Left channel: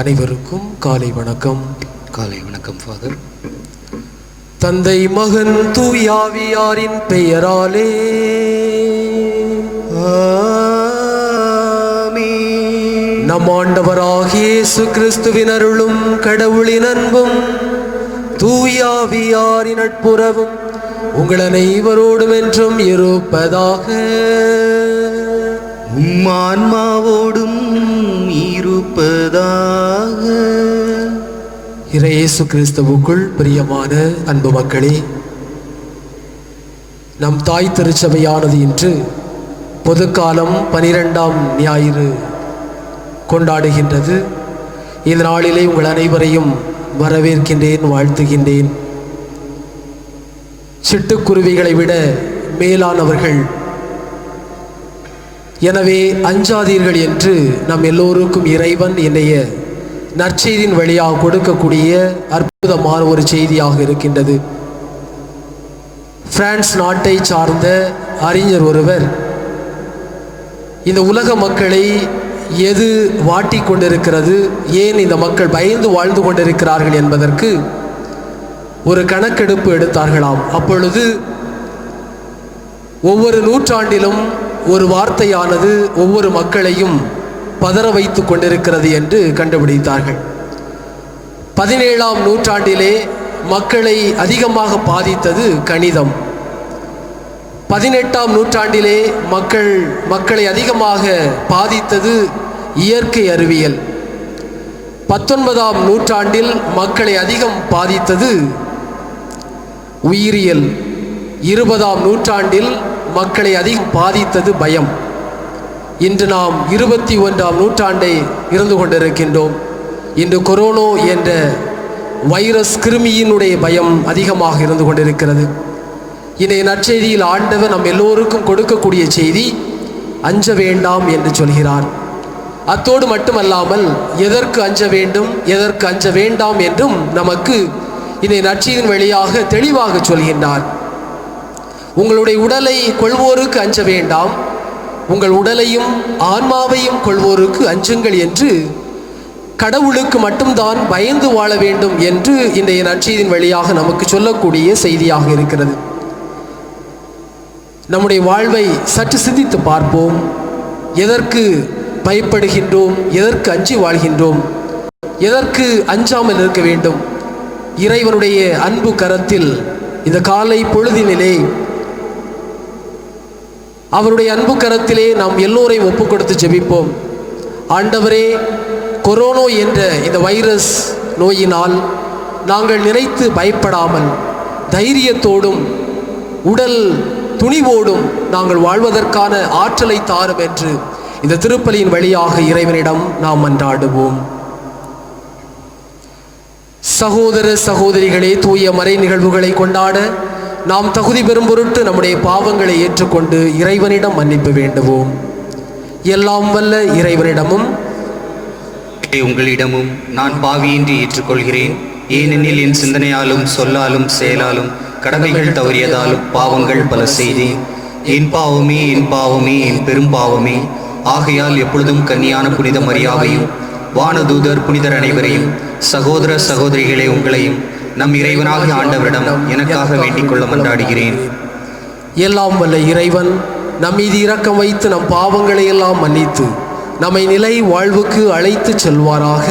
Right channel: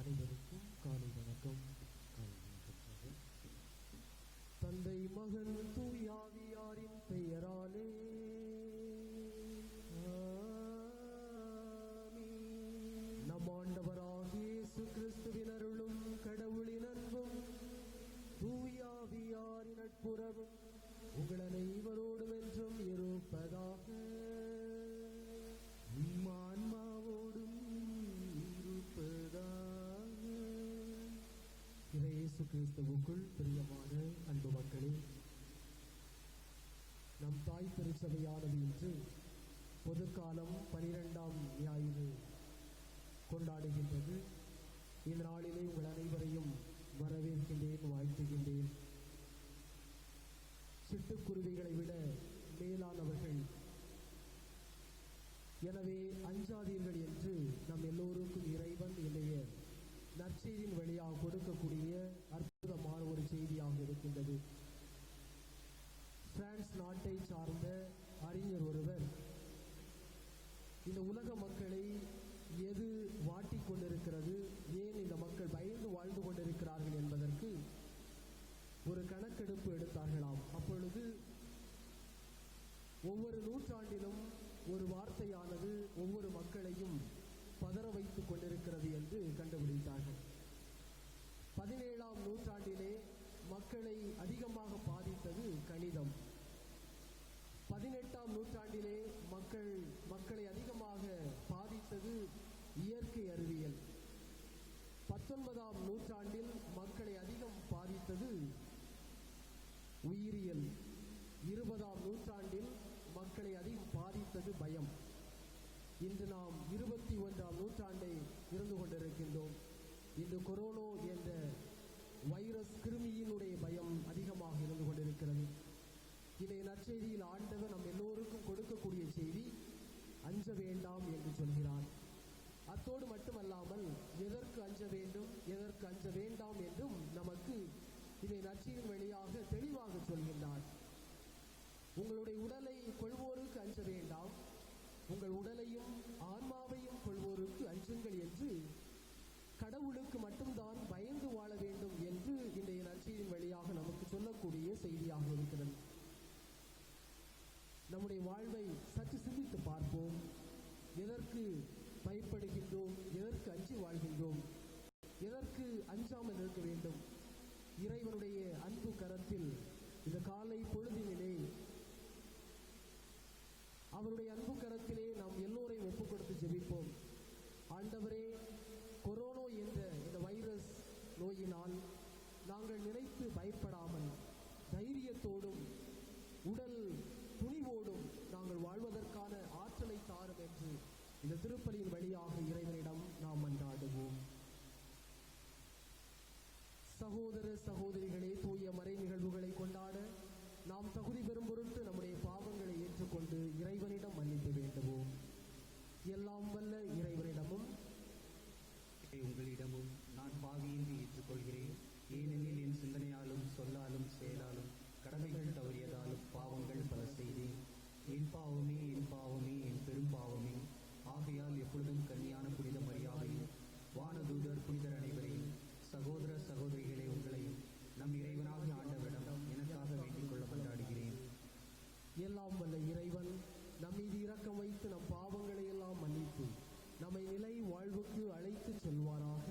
அனைவருக்கும் காலை வணக்கம். காலை வணக்கம் ஃபாதர். தந்தை மகன் தூயாவியாரின் பெயராலே ஆமென். நம் ஆண்டவராகிய இயேசு கிறிஸ்துவின் அருளும் கடவுளின் அன்பும் தூயாவியாரின் நட்புறவும் உங்கள் அனைவரோடும் என்றும் இருப்பதாக. ஆன்மாவோடும் இருப்பதாக. இயேசு கிறிஸ்துவுக்குள் பிரியமான அன்பு மக்களே, நம் தாய் திருச்சபையானது இன்று பொதுக்காலம் 12ஆம் ஞாயிறு கொண்டாடுகின்றது. இந்த நாளிலே உங்கள் அனைவரையும் வரவேற்கின்றேன், வாழ்த்துகின்றேன். சிட்டுக்குருவிகளை விட மேலானவர்கள், எனவே அஞ்சாதீர்கள் என்று நம் எல்லோருக்கும் இறைவன் இன்றைய நற்செய்தியின் வழியாக கொடுக்கக்கூடிய அற்புதமான ஒரு செய்தியாக இருக்கின்றது. பிரான்ஸ் நாட்டை சார்ந்த அறிஞர் ஒருவர் இந்த உலக மக்களை எது வாட்டி கொண்டிருக்கிறது, ஏன் இந்த மக்கள் பயந்து வாழ்ந்து கொண்டிருக்கிறார்கள் என்பதற்கு ஒரு கணக்கெடுப்பு எடுத்தார்களாம். அப்பொழுது ஒவ்வொரு நூற்றாண்டிலும் ஒரு வார்த்தையானது ஒவ்வொரு மக்களையும் பதற வைத்து கொண்டிருக்கிறது என்று கண்டுபிடித்தார்கள். 17ஆம் நூற்றாண்டிலே மக்களை அதிகமாக பாதித்தது கணிதம். 18ஆம் நூற்றாண்டிலே மக்களை அதிகமாக பாதித்தது இயற்கை அறிவியல். 19ஆம் நூற்றாண்டில் மக்களை அதிகம் பாதித்தது உயிரியல். 20ஆம் நூற்றாண்டில் மக்களை அதிகம் பாதித்தது பயம். இன்று நாம் 21ஆம் நூற்றாண்டை இருந்து கொண்டிருக்கின்றோம். இன்று கொரோனா என்ற வைரஸ் கிருமியினுடைய பயம் அதிகமாக இருந்து கொண்டிருக்கிறது. இன்றைய நற்செய்தியில் ஆண்டவர் நம் எல்லோருக்கும் கொடுக்கக்கூடிய செய்தி அஞ்ச வேண்டாம் என்று சொல்கிறார். அத்தோடு மட்டுமல்லாமல் எதற்கு அஞ்ச வேண்டும், எதற்கு அஞ்ச வேண்டாம் என்றும் நமக்கு இன்றைய நற்செய்தியின் வழியாக தெளிவாக சொல்கின்றார். உங்களுடைய உடலை கொள்வோருக்கு அஞ்ச வேண்டாம், உங்கள் உடலையும் ஆன்மாவையும் கொள்வோருக்கு அஞ்சுங்கள் என்று கடவுளுக்கு மட்டும்தான் பயந்து வாழ வேண்டும் என்று இன்றைய நற்செய்தியின் வழியாக நமக்கு சொல்லக்கூடிய செய்தியாக இருக்கிறது. நம்முடைய வாழ்வை சற்று சிந்தித்து பார்ப்போம். எதற்கு பயப்படுகின்றோம், எதற்கு அஞ்சி வாழ்கின்றோம், எதற்கு அஞ்சாமல் இருக்க வேண்டும்? இறைவனுடைய அன்பு கரத்தில் இந்த காலை பொழுதினிலே அவருடைய அன்பு கரத்திலே நாம் எல்லோரையும் ஒப்பு கொடுத்து ஜெபிப்போம். ஆண்டவரே, கொரோனா என்ற இந்த வைரஸ் நோயினால் நாங்கள் நினைத்து பயப்படாமல் தைரியத்தோடும் உடல் துணிவோடும் நாங்கள் வாழ்வதற்கான ஆற்றலை தாரும் என்று இந்த திருப்பலியின் வழியாக இறைவனிடம் நாம் மன்றாடுவோம். சகோதர சகோதரிகளே, தூய மறை நிகழ்வுகளை கொண்டாட நாம் தகுதி பெறும் பொருட்டு நம்முடைய பாவங்களை ஏற்றுக்கொண்டு இறைவனிடம் மன்னிப்பு வேண்டுவோம். எல்லாம் வல்ல இறைவனிடமும் உங்களிடமும் நான் பாவியின்றி ஏற்றுக்கொள்கிறேன். ஏனெனில் என் சிந்தனையாலும் சொல்லாலும் செயலாலும் கடமைகள் தவறியதாலும் பாவங்கள் பல செய்தேன். என் பாவமே, என் பாவமே, என் பெரும் பாவமே. ஆகையால் எப்பொழுதும் கன்னியான புனித மரியாவையும் வானதூதர் புனிதர் அனைவரையும் சகோதர சகோதரிகளே உங்களையும் நம் இறைவனாகிய ஆண்டவரிடம் எனக்காக வேண்டிக் கொள்ள மன்றாடுகிறேன். எல்லாம் வல்ல இறைவன் நம் மீது இரக்கம் வைத்து நம் பாவங்களை எல்லாம் மன்னித்து நம்மை நிலை வாழ்வுக்கு அழைத்து செல்வாராக.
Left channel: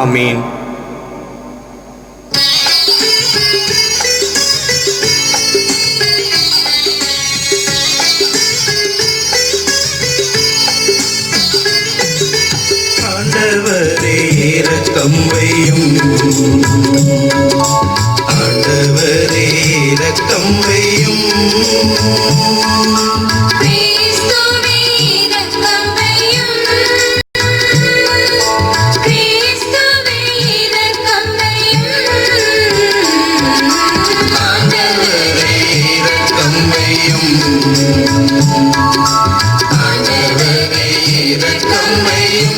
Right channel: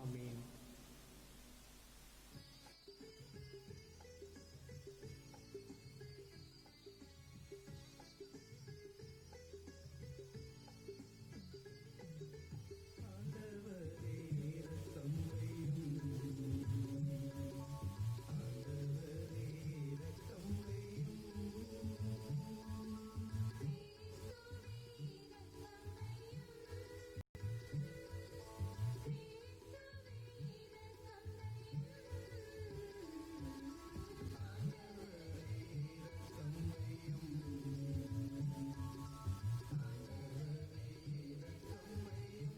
ஆமீன். ஆண்டவரே இரக்கம் வையும், ஆண்டவரே இரக்கம் வையும். கிறிஸ்துவே இரக்கம் வையும், கிறிஸ்துவே இரக்கம் வையும். ஆண்டவரே இரக்கம் வையும், ஆண்டவரே இரக்கம் வையும்.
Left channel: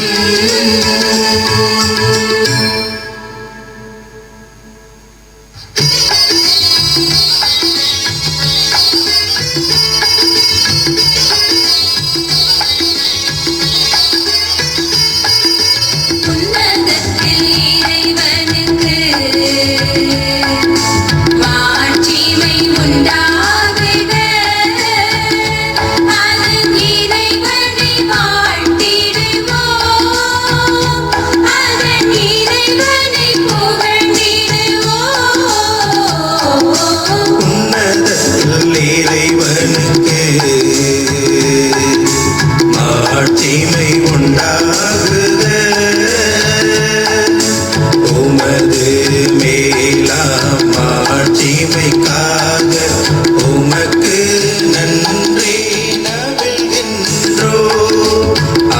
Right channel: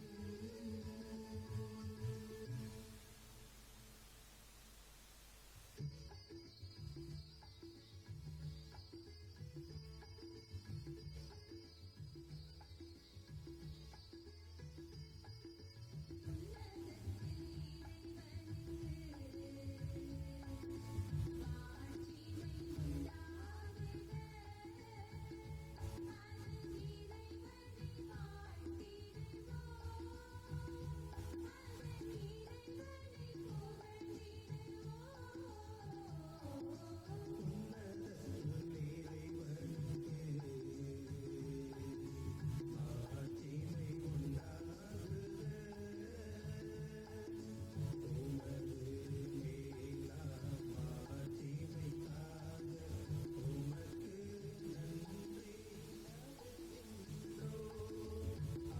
உன்னதத்தில் மாட்சிமை உண்டாகுக. உமது மேலாம் மாட்சிமைக்காக உமக்கு நன்றி நவில்கின்றோ.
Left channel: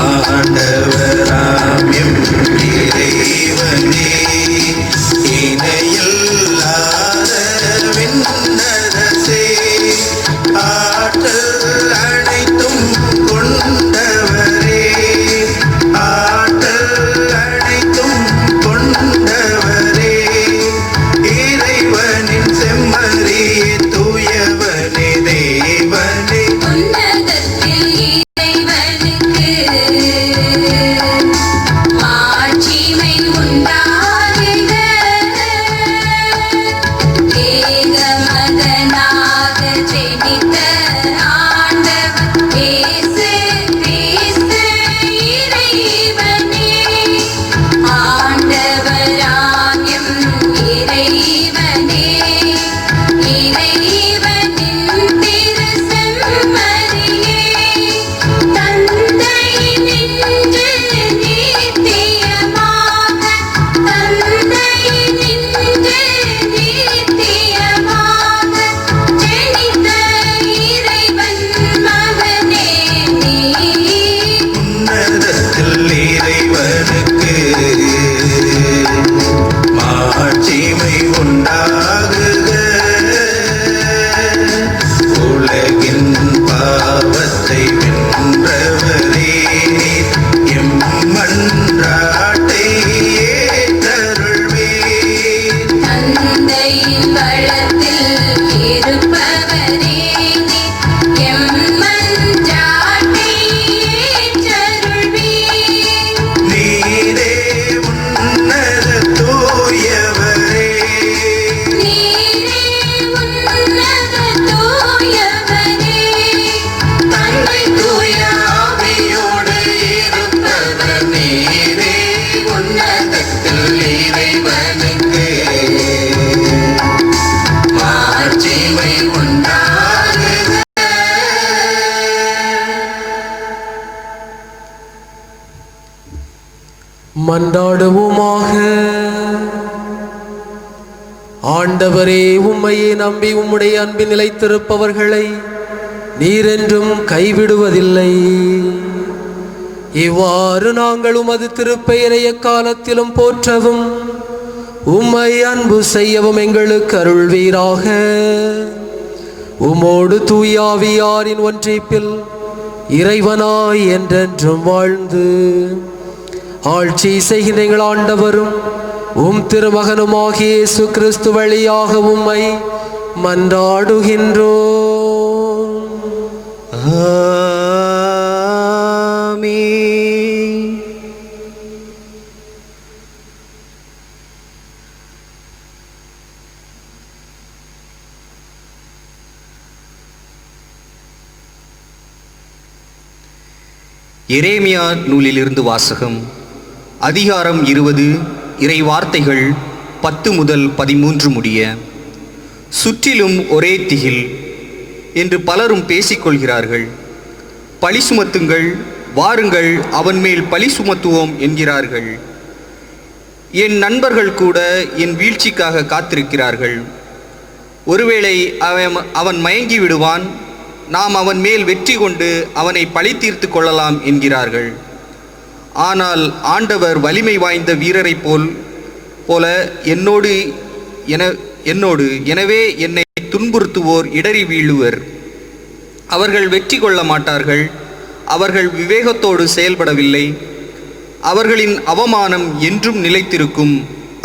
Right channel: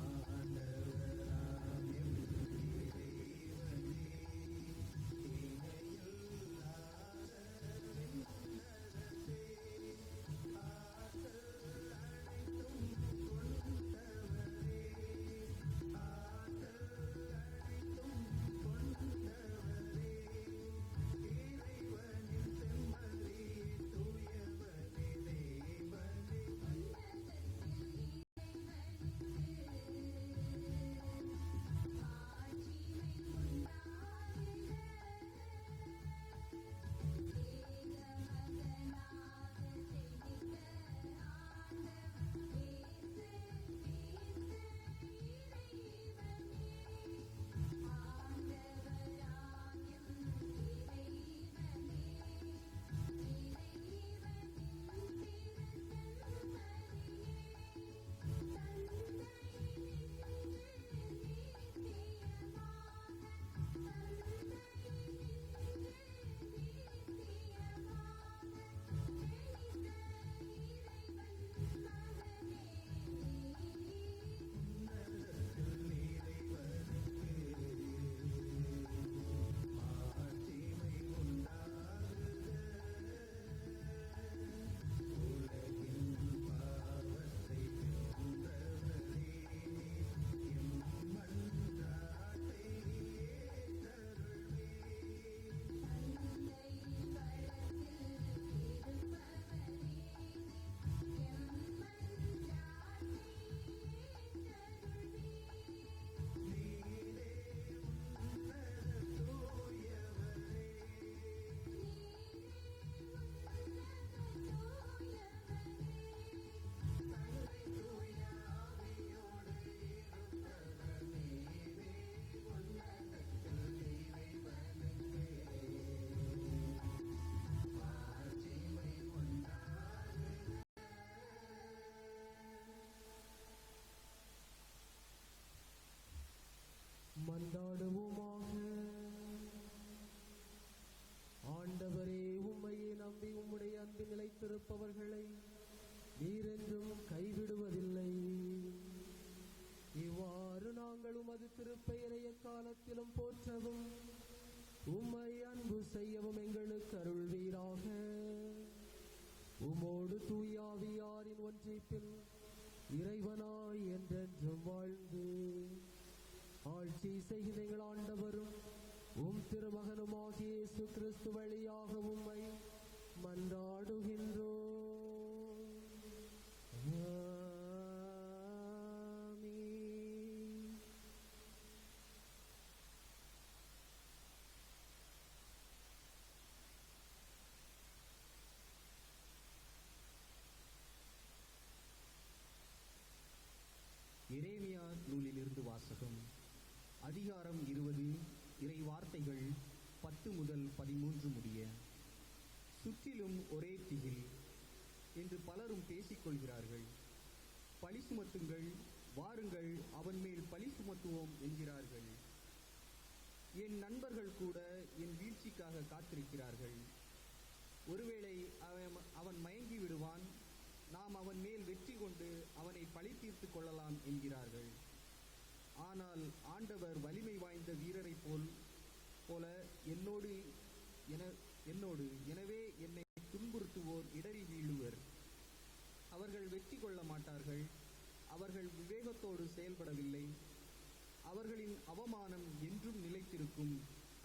ஆண்டவராம் எம் இறைவனே, இணையில்லாத விண்ணரசே, ஆற்றல் அனைத்தும் கொண்டவரே, ஆற்றல் அனைத்தும் கொண்டவரே, இறைவனின் செம்மறியே, தூயவனே, தேவனே, உன்னதத்தில் இறைவனுக்கு மாட்சிமை உண்டாகுக. ஏகமகனாக ஜெனித்த ஆண்டவர் இயேசு கிறிஸ்து இறைவனே, ஆண்டவராம் எம் இறைவனே, இறைவனின் திருசெம்மறியே, தந்தையினின்று நித்தியமாக, தந்தையினின்று நித்தியமாக ஜெனித்த இறைவன் மகனே நீர். உன்னதத்தில் இறைவனுக்கு மாட்சிமை உண்டாகுக. உலகின் பாவத்தை வென்றவரே, எம் மன்றாட்டை ஏற்றருள்வீர். தந்தையின் வலத்தில் இருப்பவரே நீர், எம் மன்றாட்டை ஏற்றருள்வீர். நீரே உன்னத தூயவரே, நீரே உன்னத தூயவரே, தந்தை தூய ஆவியோடு இருப்பவர் நீரே. உன்னதத்தில் இறைவனுக்கு மாட்சிமை உண்டாகுக. மன்றாடுவோமாக. ஆண்டவரே, உம்மையே நம்பி உம்முடைய அன்பில் நிலைத்திருப்பவர்களை நீரென்றும் கைவிடுவதில்லை. இவ்வாறு நாங்கள் உமது திருப்பெயரை எக்காலத்திலும் போற்றவும் உம்மை அன்பு செய்யவும் எங்களுக்கு அருள்வீராக. உமோடு தூயாவியாரின் ஒன்றிப்பில் இறைவனாய் என்றென்றும் வாழ்ந்து ஆட்சி செய்கின்ற எங்கள் ஆண்டவரும் உம் திருமகனுமாகிய இயேசு கிறிஸ்து வழியாக உம்மை மன்றாடுகின்றோம். ஆமென். எரேமியா நூலிலிருந்து வாசகம். அதிகாரம் 20, இறை வார்த்தைகள் 10 முதல் 13 முடிய. சுற்றிலும் ஒரே திகில் என்று பலரும் பேசிக்கொள்கிறார்கள். பழி சுமத்துங்கள், வாருங்கள், அவன் மேல் பழி சுமத்துவோம் என்கிறார்கள். என் நண்பர்கள் கூட என் வீழ்ச்சிக்காக காத்திருக்கிறார்கள். ஒருவேளை அவன் மயங்கி விடுவான், நாம் அவன் மேல் வெற்றி கொண்டு அவனை பழி தீர்த்து கொள்ளலாம் என்கிறார்கள். ஆனால் ஆண்டவர் வலிமை வாய்ந்த வீரரைப் போல என்னோடு எனவே என்னை துன்புறுத்துவோர் இடறி வீழுவர். அவர்கள் வெற்றி கொள்ள மாட்டார்கள். அவர்கள் விவேகத்தோடு செயல்படவில்லை. அவர்களின் அவமானம் என்றும் நிலைத்திருக்கும்,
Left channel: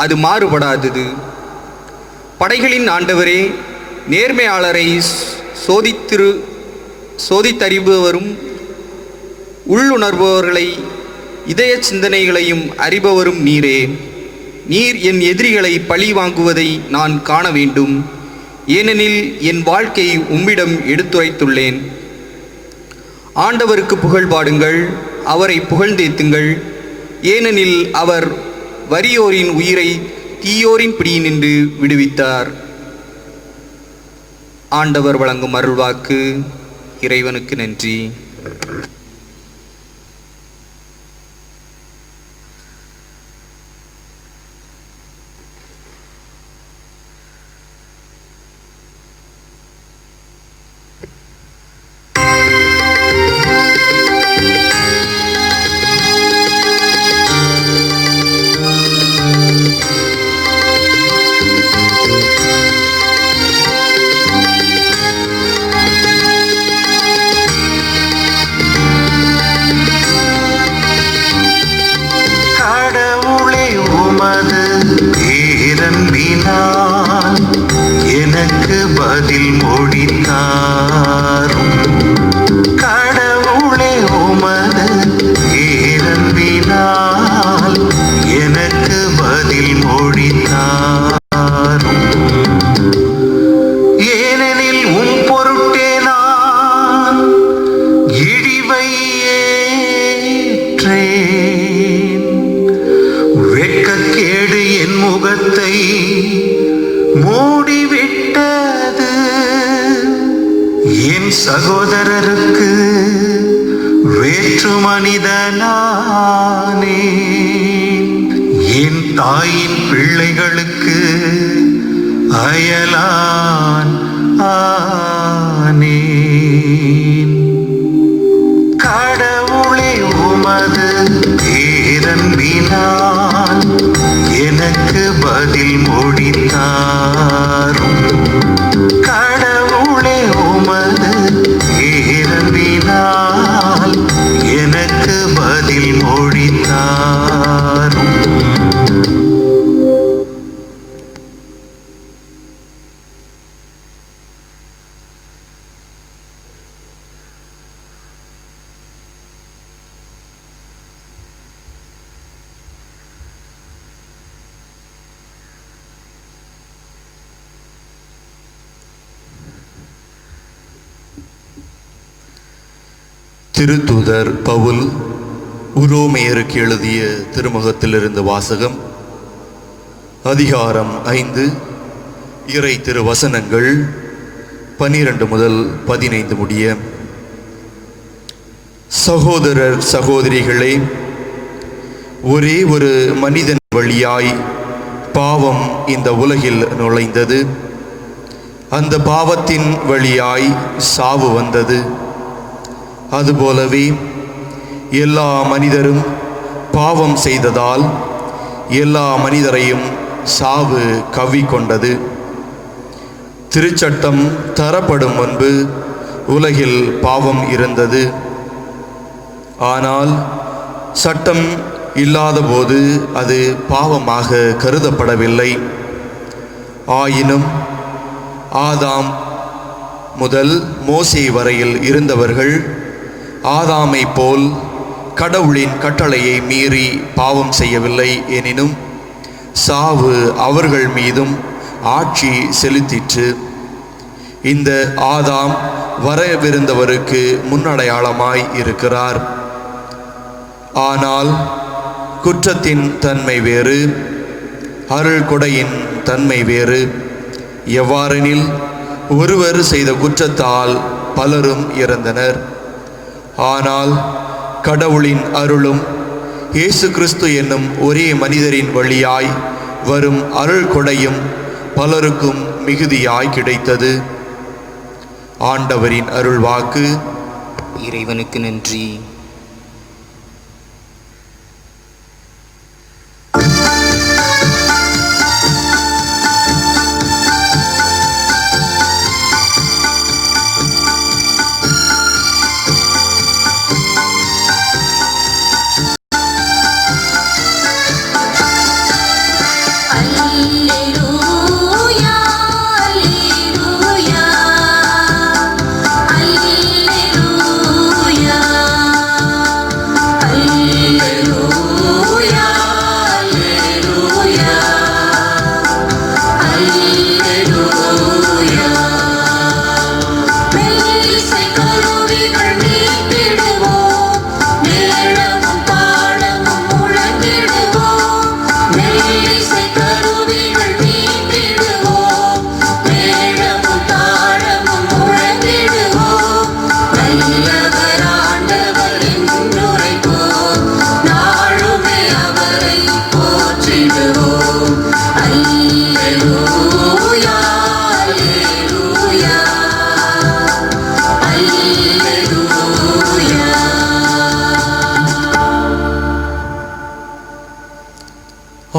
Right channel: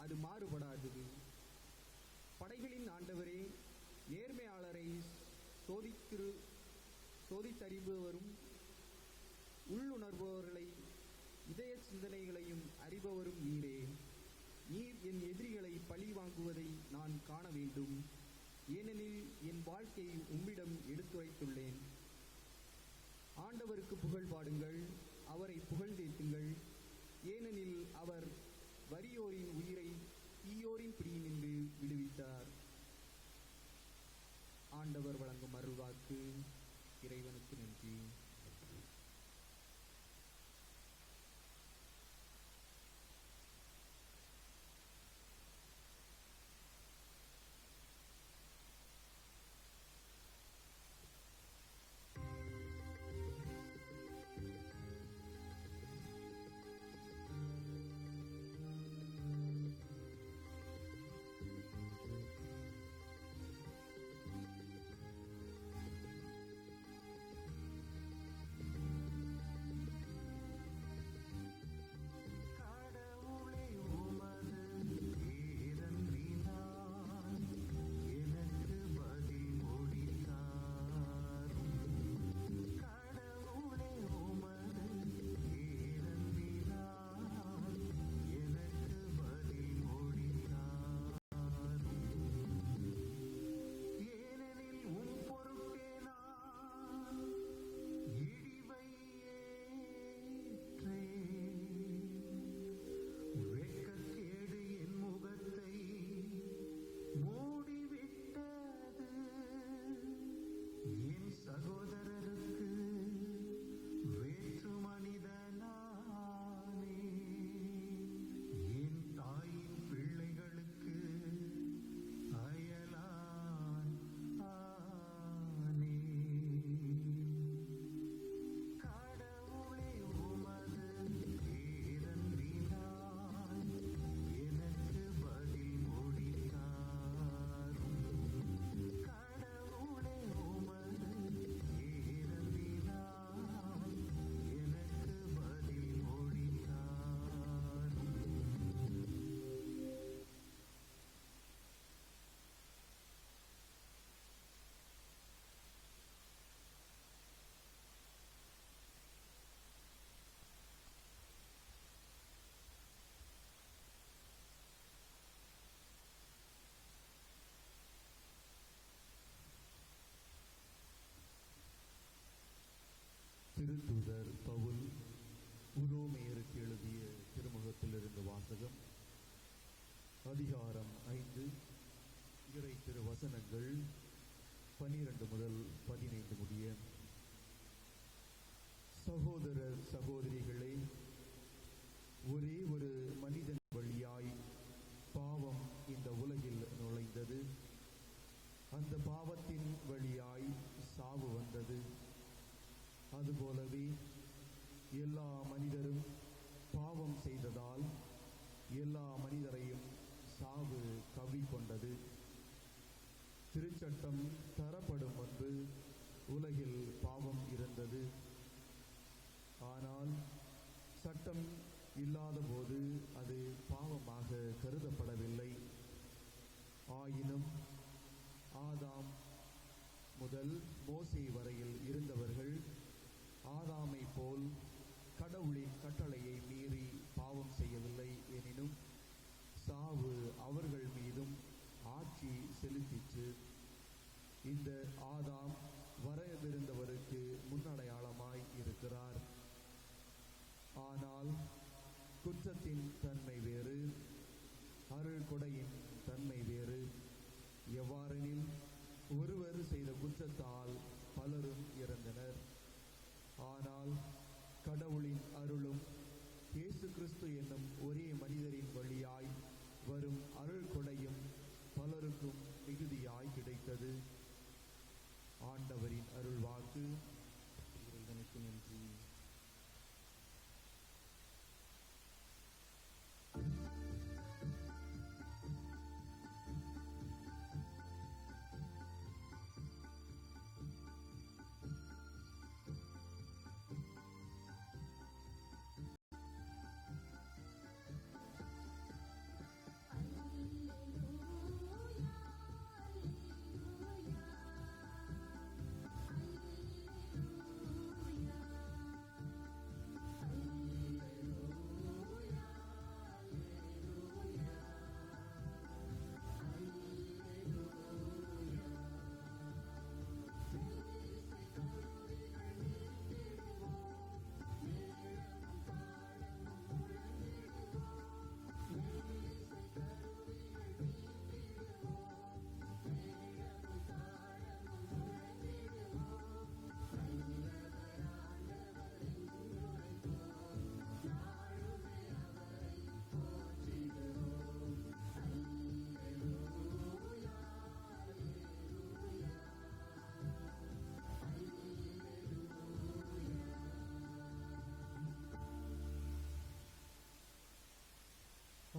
அது மாறுபடாதது. படைகளின் ஆண்டவரே, நேர்மையாளரை சோதித்தறிபவரும் உள்ளுணர்பவர்களை இதய சிந்தனைகளையும் அறிபவரும் நீரே. நீர் என் எதிரிகளை பழி வாங்குவதை நான் காண வேண்டும். ஏனெனில் என் வாழ்க்கை உம்மிடம் எடுத்துரைத்துள்ளேன். ஆண்டவருக்கு புகழ் பாடுங்கள், அவரை புகழ்ந்தேத்துங்கள். ஏனெனில் அவர் வறியோரின் உயிரை தீயோரின் பிடியினின்று விடுவித்தார். ஆண்டவர் வழங்கும் அருள்வாக்கு. இறைவனுக்கு நன்றி. கடவுளே உமது பேரன்பினால் எனக்கு பதில் மொழி தாரும். கடவுளே உமது பேரன்பினால் எனக்கு பதில் மொழி தாரும். ஏனெனில் உம் பொருட்டே நான் இழிவை ஏற்றேன். வெட்கக்கேடு என் முகத்தை மூடிவிட்டது. என் சகோதரருக்கு வேற்று மனிதனானேன். என் தாயின் பிள்ளைகளுக்கு அயலான் ஆனேன். கடவுளே உமது பேரன்பினால் எனக்கு பதில் மொழி தாரும். கடவுளே உமது பேரன்பினால் எனக்கு பதில் மொழி தாரும். திருத்தூதர் பவுல் உரோமையருக்கு எழுதிய திருமுகத்திலிருந்து வாசகம். அதிகாரம் 5, இறை திருவசனங்கள் 12 முதல் 15 முடிய. சகோதரர் சகோதரிகளே, ஒரே ஒரு மனிதன் வழியாய் பாவம் இந்த உலகில் நுழைந்தது. அந்த பாவத்தின் வழியாய் சாவு வந்தது. அதுபோலவே எல்லா மனிதரும் பாவம் செய்ததால் எல்லா மனிதரையும் சாவு கவ்விக்கொண்டது. திருச்சட்டம் தரப்படும் முன்பு உலகில் பாவம் இருந்தது. ஆனால் சட்டம் இல்லாதபோது அது பாவமாக கருதப்படவில்லை. ஆயினும் ஆதாம் முதல் மோசே வரையில் இருந்தவர்கள் ஆதாமை போல் கடவுளின் கட்டளையை மீறி பாவம் செய்யவில்லை. எனினும் சாவு அவர்கள் மீதும் ஆட்சி செலுத்திற்று. இந்த ஆதாம் வரவிருந்தவருக்கு முன்னடையாளமாய் இருக்கிறார். ஆனால் குற்றத்தின் தன்மை வேறு, அருள் கொடையின் தன்மை வேறு. எவ்வாறெனில் ஒருவர் செய்த குற்றத்தால் பலரும் இறந்தனர். ஆனால் கடவுளின் அருளும் இயேசு கிறிஸ்து என்னும் ஒரே மனிதரின் வழியாய் வரும் அருள் கொடையும் பலருக்கும் மிகுதியாய் கிடைத்தது. ஆண்டவரின் அருள்வாக்கு. இறைவனுக்கு நன்றி. அல்லேலூயா அல்லேலூயா அல்லேலூயா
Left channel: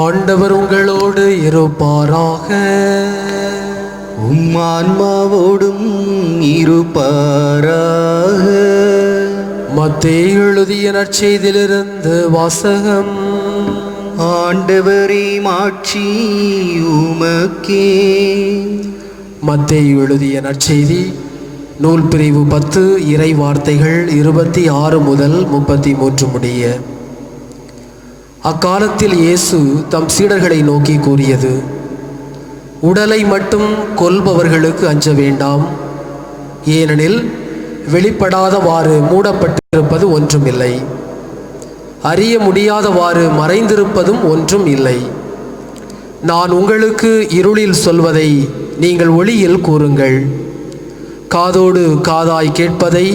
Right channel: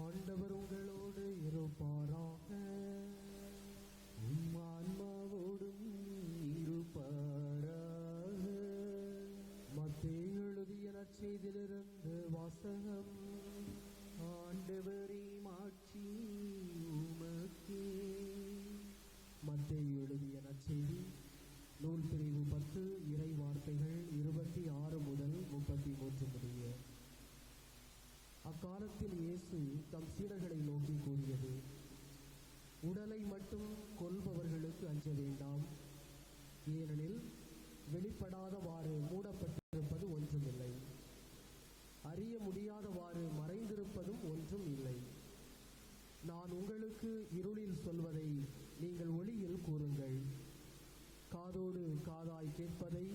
ஆண்டவர் உங்களோடு இருப்பாராக. உம் ஆன்மாவோடும் இருப்பாராக. மத்தேயு எழுதிய நற்செய்தியிலிருந்து வாசகம். ஆண்டவரே மாட்சி உமக்கே. மத்தேயு எழுதிய நற்செய்தி நூல் பிரிவு 10 இறை வார்த்தைகள் 26 முதல் 33 முடிய. அக்காலத்தில் இயேசு தம் சீடர்களை நோக்கி கூறியது: உடலை மட்டும் கொல்பவர்களுக்கு அஞ்ச வேண்டாம். ஏனெனில் வெளிப்படாதவாறு மூடப்பட்டிருப்பது ஒன்றும் இல்லை, அறிய முடியாதவாறு மறைந்திருப்பதும் ஒன்றும் இல்லை. நான் உங்களுக்கு இருளில் சொல்வதை நீங்கள் ஒளியில் கூறுங்கள். காதோடு காதாய் கேட்பதை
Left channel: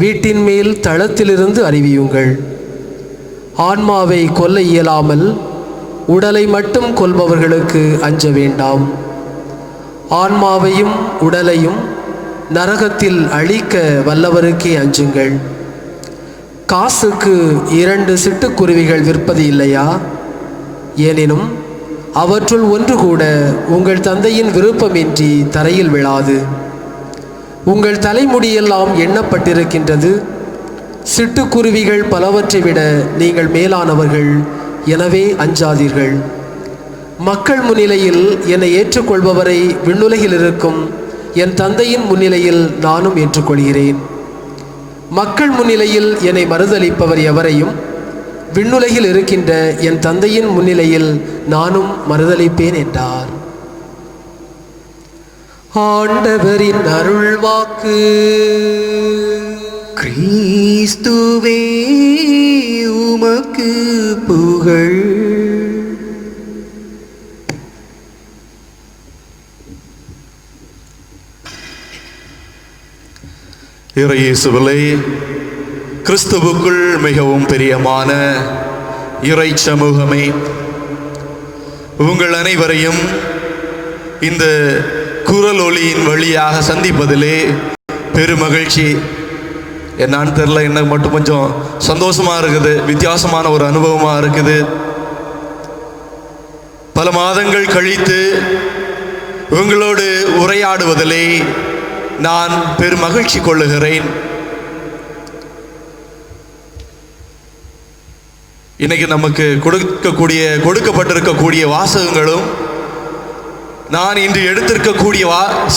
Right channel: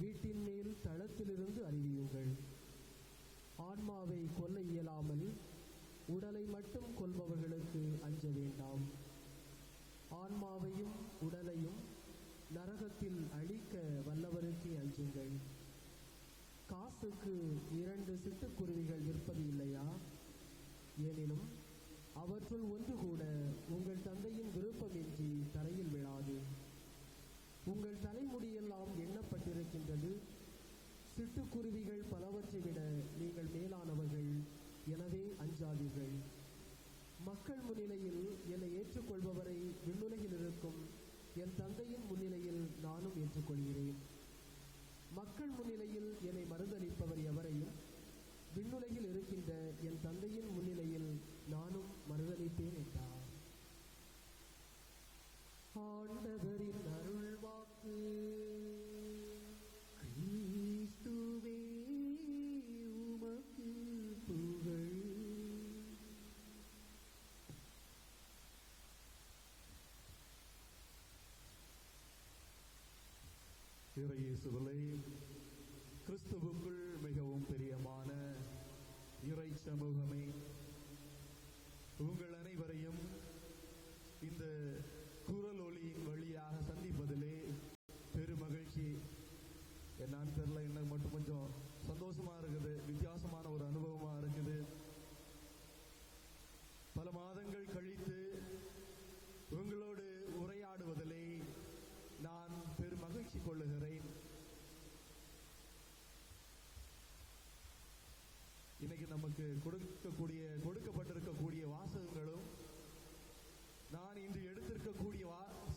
வீட்டின் மேல் தளத்திலிருந்து அறிவியுங்கள். ஆன்மாவை கொல்ல இயலாமல் உடலை மட்டும் கொல்பவர்களுக்கு அஞ்ச வேண்டாம். ஆன்மாவையும் உடலையும் நரகத்தில் அழிக்க வல்லவருக்கே அஞ்சுங்கள். காசுக்கு 2 சிட்டுக்குருவிகள் விற்பது இல்லையா? எனினும் அவற்றுள் ஒன்று கூட உங்கள் தந்தையின் விருப்பமின்றி தரையில் விழாது. உங்கள் தலைமுடியெல்லாம் எண்ணப்பட்டிருக்கின்றது. சிட்டுக்குருவிகள் பலவற்றை விட நீங்கள் மேலானவர்கள். எனவே அஞ்சாதீர்கள். மக்கள் முன்னிலையில் என்னை ஏற்றுக்கொள்பவரை விண்ணுலகில் இருக்கும் என் தந்தையின் முன்னிலையில் நானும் ஏற்றுக்கொள்கிறேன். மக்கள் முன்னிலையில் என்னை மறுதலிப்பவர் எவரையும் விண்ணுலகில் இருக்கின்ற என் தந்தையின் முன்னிலையில் நானும் மறுதலிப்பேன் என்றார். ஆண்டவரின் அருள்வாக்கு. கிறிஸ்துவே உமக்கு புகழ். இறையேசுவிலே கிறிஸ்துவுக்குள் மிகவும் பிரியமான இறை சமூகமே, உங்கள் அனைவரையும் இந்த குரல் ஒளியின் வழியாக சந்திப்பதிலே பெருமகிழ்ச்சி. என்னான்னு தெரில, எனக்கு மட்டும் கொஞ்சம் சந்தோஷமா இருக்குது, வித்தியாசமான ஒரு அனுபவமா இருக்குது. பல மாதங்கள் கழித்து உங்களோடு உரையாடுவதிலே நான் பெருமகிழ்ச்சி கொள்ளுகிறேன். இன்னைக்கு நமக்கு கொடுக்கப்பட்டிருக்கக்கூடிய வாசகங்களும் நான் இன்று எடுத்திருக்கக்கூடிய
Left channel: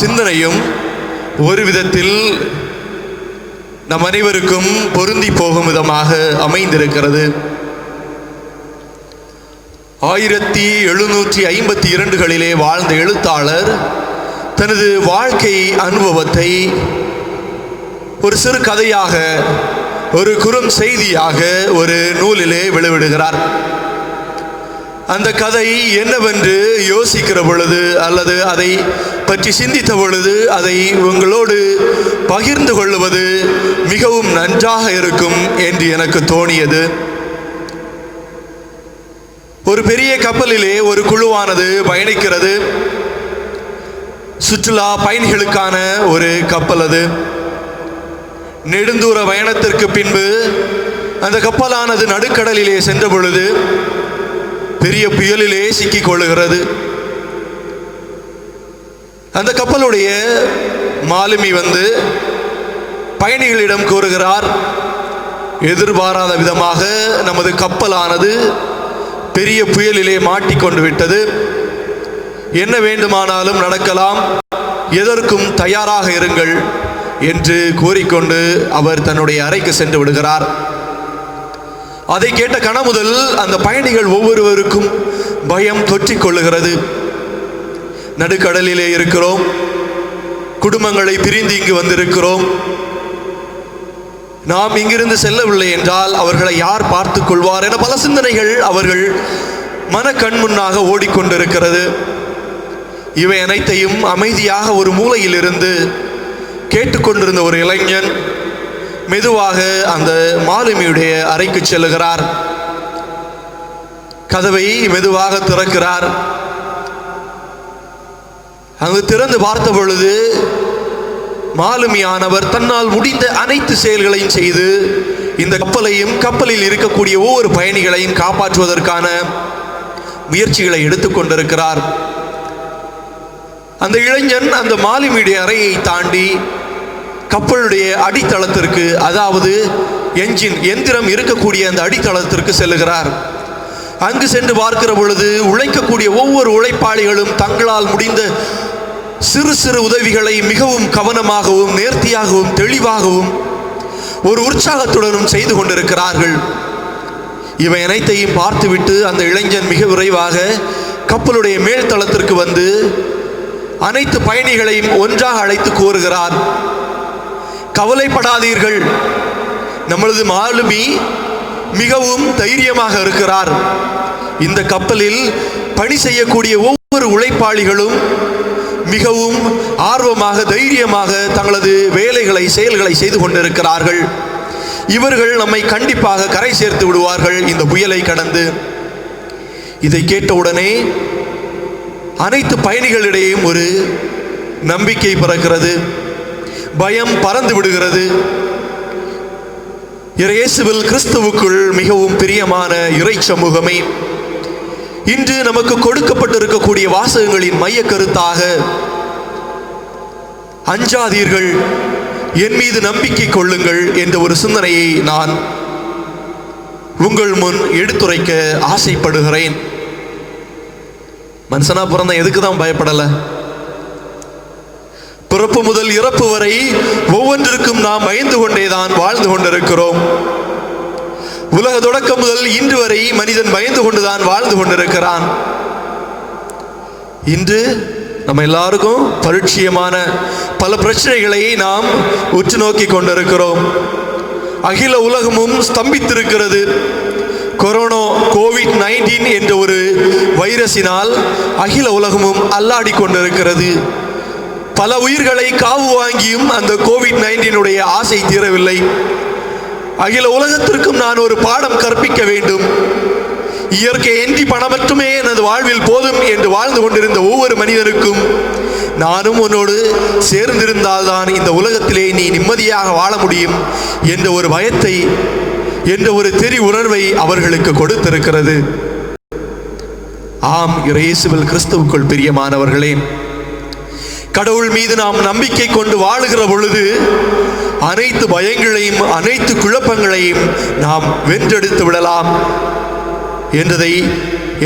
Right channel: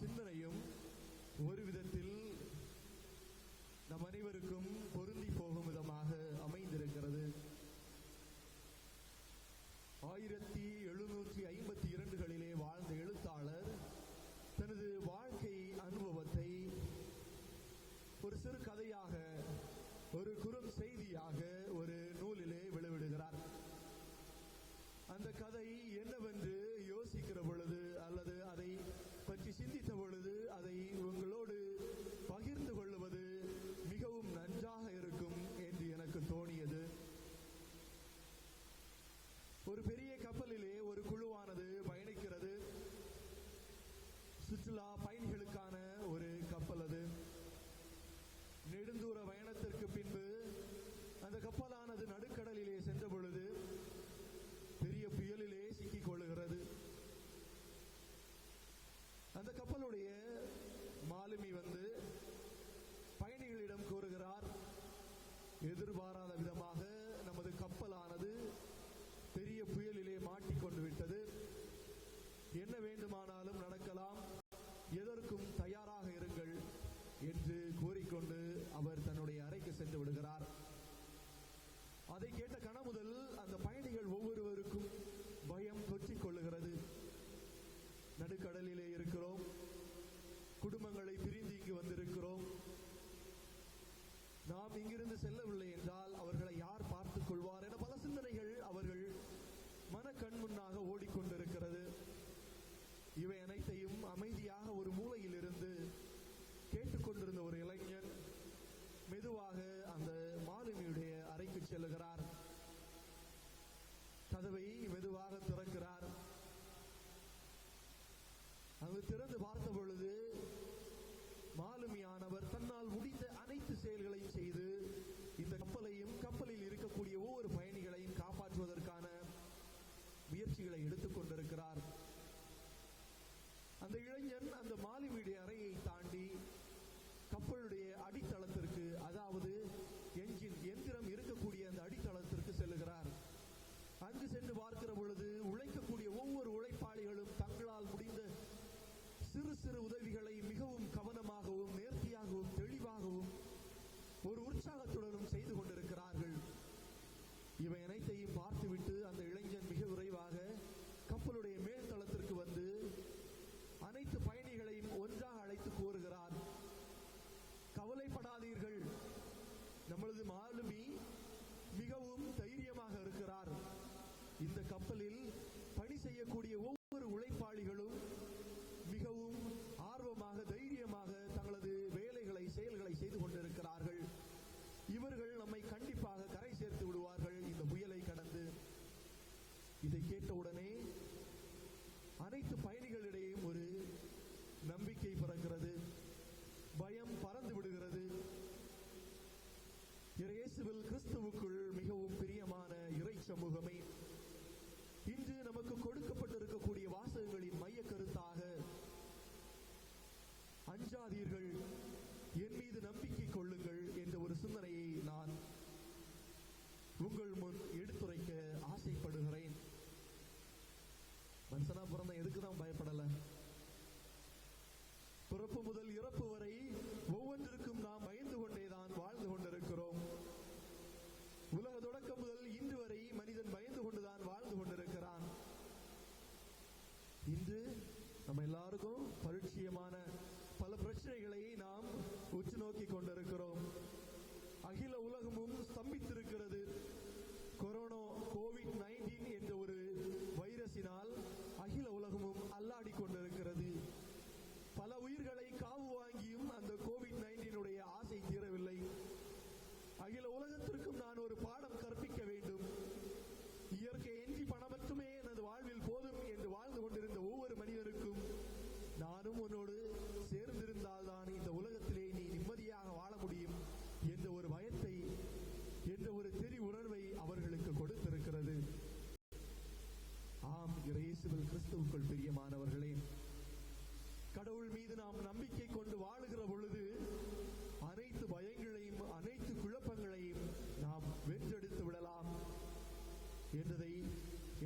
சிந்தனையும் ஒரு விதத்தில் நம் அனைவருக்கும் பொருந்தி போகும் விதமாக அமைந்திருக்கிறது. 1752களிலே வாழ்ந்த எழுத்தாளர் தனது வாழ்க்கை அனுபவத்தை ஒரு சிறு கதையாக, ஒரு குறும் செய்தியாக ஒரு நூலிலே வெளியிடுகிறார். அந்த கதை என்னவென்று யோசிக்கிற பொழுது அல்லது அதை பற்றி சிந்தித்த பொழுது அதை உங்களோடு பகிர்ந்து கொள்வது மிகவும் நன்றாக இருக்கும் என்று எனக்கு தோணியது. ஒரு பெரிய கப்பலிலே ஒரு குழுவானது பயணிக்கிறது. சுற்றுலா பயணிகளுக்கான ஒரு கப்பல் அது. நெடுந்தூர பயணத்திற்கு பின்பு அந்த கப்பலானது நடுக்கடலிலே சென்ற பொழுது பெரிய புயலிலே சிக்கிக் கொள்ளுகிறது. அந்த கப்பலுடைய மாலுமி வந்து பயணிகளிடம் கூறுகிறார், எதிர்பாராத விதமாக நமது கப்பலானது பெரிய புயலிலே மாட்டிக்கொண்டு விட்டது. என்ன வேண்டுமானாலும் நடக்கலாம், எதற்கும் தயாராக இருங்கள் என்று கூறிக்கொண்டு அவர் தன்னுடைய அறைக்கு சென்று விடுகிறார். அதை கேட்ட கணமுதல் அந்த பயணிகள் ஒவ்வொருவருக்கும் பயம் தொற்றிக் கொள்ளுகிறது. நடுக்கடலிலே இருக்கிறோம், குடும்பங்களை பிரிந்து இங்கு வந்திருக்கிறோம். நாம் இங்கிருந்து செல்லவில்லை என்றால் அவர்களை யார் பார்த்துக் கொள்வார் என பல சிந்தனைகள் அவர்கள் மன கண் முன்னாக ஓடிக்கொண்டிருக்கிறது. இவை அனைத்தையும் அமைதியாக ஒரு மூலையில் இருந்து கேட்டுக்கொண்டிருந்த ஒரு இளைஞன் மெதுவாக அந்த மாலுமியுடைய அறைக்கு செல்லுகிறார். கதவை மெதுவாக திறக்கிறார். அங்கு திறந்து பார்த்த பொழுது மாலுமியானவர் தன்னால் முடிந்த அனைத்து செயல்களையும் செய்து இந்த கப்பலையும் கப்பலில் இருக்கக்கூடிய ஒவ்வொரு பயணிகளையும் காப்பாற்றுவதற்கான முயற்சிகளை எடுத்துக்கொண்டிருக்கிறார். அந்த இளைஞன் அந்த மாலுமியுடைய அறையை தாண்டி கப்பலுடைய அடித்தளத்திற்கு, அதாவது என்ஜின் எந்திரம் இருக்கக்கூடிய அந்த அடித்தளத்திற்கு செல்லுகிறார். அங்கு சென்று பார்க்கிற பொழுது உழைக்கக்கூடிய ஒவ்வொரு உழைப்பாளிகளும் தங்களால் முடிந்த சிறு சிறு உதவிகளை மிகவும் கவனமாகவும் நேர்த்தியாகவும் தெளிவாகவும் ஒரு உற்சாகத்துடனும் செய்து கொண்டிருக்கிறார்கள். இவை அனைத்தையும் பார்த்துவிட்டு அந்த இளைஞன் மிக விரைவாக கப்பலுடைய மேல்தளத்திற்கு வந்து அனைத்து பயணிகளையும் ஒன்றாக அழைத்து கூறுகிறார். கவலைப்படாதீர்கள், நம்மளது மாலுமி மிகவும் தைரியமாக இருக்கிறார். இந்த கப்பலில் பணி செய்யக்கூடிய ஒவ்வொரு உழைப்பாளிகளும் மிகவும் ஆர்வமாக தைரியமாக தங்களது வேலைகளை செயல்களை செய்து கொண்டிருக்கிறார்கள். இவர்கள் நம்மை கண்டிப்பாக கரை சேர்த்து விடுவார்கள் இந்த புயலை கடந்து. இதை கேட்டவுடனே அனைத்து பயணிகளிடையும் ஒரு நம்பிக்கை பிறக்கிறது, பயம் பறந்து விடுகிறது. இயேசுவில் கிறிஸ்துவுக்குள் மிகவும் பிரியமான இறை சமூகமே, இன்று நமக்கு கொடுக்கப்பட்டிருக்கக்கூடிய வாசகங்களின் மைய கருத்தாக அஞ்சாதீர்கள், என் மீது நம்பிக்கை கொள்ளுங்கள் என்ற ஒரு சிந்தனையை நான் உங்கள் முன் எடுத்துரைக்க ஆசைப்படுகிறேன். மனுஷனா பிறந்த எதுக்கு தான் பயப்படலை? பிறப்பு முதல் இறப்பு வரை ஒவ்வொன்றிற்கும் நாம் பயந்து கொண்டேதான் வாழ்ந்து கொண்டிருக்கிறோம். உலக தொடக்கம் முதல் இன்று வரை மனிதன் பயந்து கொண்டுதான் வாழ்ந்து கொண்டிருக்கிறான். இன்று நம்ம எல்லாருக்கும் பரிட்சயமான பல பிரச்சனைகளை நாம் உற்று நோக்கி கொண்டிருக்கிறோம். அகில உலகமும் ஸ்தம்பித்திருக்கிறது. கொரோனா கோவிட்-19 என்ற ஒரு வைரஸினால் அகில உலகமும் அல்லாடி கொண்டிருக்கிறது. பல உயிர்களை காவு வாங்கியும் அந்த கோவிட்-19 ஆசை தீரவில்லை. அகில உலகத்திற்கும் நான் ஒரு பாடம் கற்பிக்க வேண்டும். இயற்கை இன்றி பணம் மட்டுமே எனது வாழ்வில் போதும் என்று வாழ்ந்து கொண்டிருந்த ஒவ்வொரு மனிதனுக்கும் நானும் உன்னோடு சேர்ந்திருந்தால்தான் இந்த உலகத்திலே நீ நிம்மதியாக வாழ முடியும் என்ற ஒரு பயத்தை, என்ற ஒரு தெரி உணர்வை அவர்களுக்கு கொடுத்திருக்கிறது. ஆம், இயேசுவில் கிறிஸ்துவுக்குள் பிரியமானவர்களே, கடவுள் மீது நாம் நம்பிக்கை கொண்டு வாழுகிற பொழுது அனைத்து பயங்களையும் அனைத்து குழப்பங்களையும் நாம் வென்றெடுத்து விடலாம்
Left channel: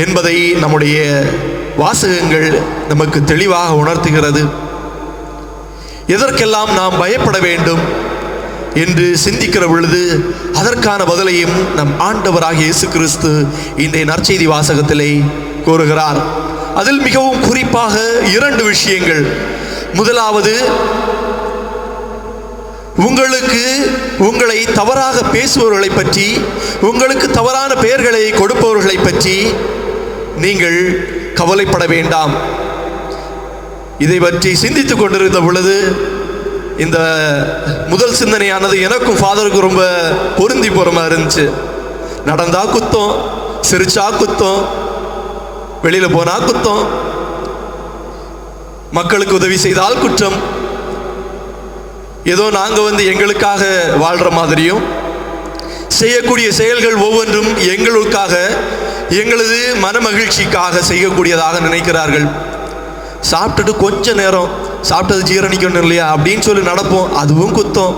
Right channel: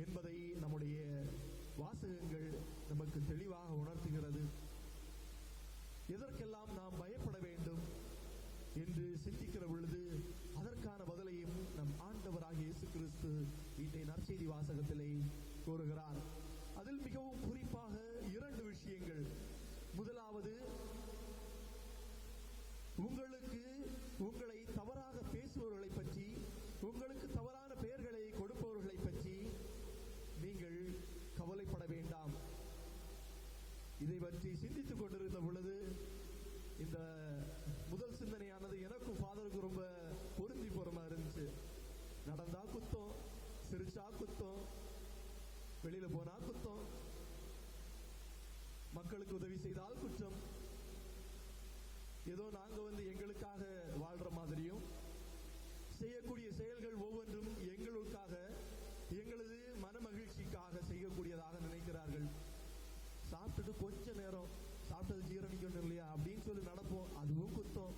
என்பதை நம்முடைய வாசகங்கள் நமக்கு தெளிவாக உணர்த்துகிறது. எதற்கெல்லாம் நாம் பயப்பட வேண்டும் என்று சிந்திக்கிற பொழுது அதற்கான பதிலையும் நம் ஆண்டவராகிய இயேசு கிறிஸ்து இன்றைய நற்செய்தி வாசகத்திலே கூறுகிறார். அதில் மிகவும் குறிப்பாக 2 விஷயங்கள். முதலாவது, உங்களை தவறாக பேசுபவர்களை பற்றி, உங்களுக்கு தவறான பெயர்களை கொடுப்பவர்களை பற்றி நீங்கள் கவலைப்பட வேண்டாம். இதை பற்றி சிந்தித்துக் கொண்டிருந்த பொழுது இந்த முதல் சிந்தனையானது எனக்கும் ஃபாதருக்கும் ரொம்ப பொருந்தி போற மாதிரி இருந்துச்சு. நடந்தா குத்தம், சிரிச்சா குத்தம், வெளியில போனா குத்தம், மக்களுக்கு உதவி செய்தால் குற்றம். ஏதோ நாங்க எங்களுக்காக வாழ்ற மாதிரியும் செய்யக்கூடிய செயல்கள் ஒவ்வொன்றும் எங்களுக்காக, எங்களது மனமகிழ்ச்சிக்காக செய்யக்கூடியதாக நினைக்கிறார்கள். சாப்பிட்டுட்டு கொஞ்ச நேரம் சாப்பிட்டது ஜீரணிக்கணும் இல்லையா அப்படின்னு சொல்லி நடப்போம், அதுவும் குத்தம்.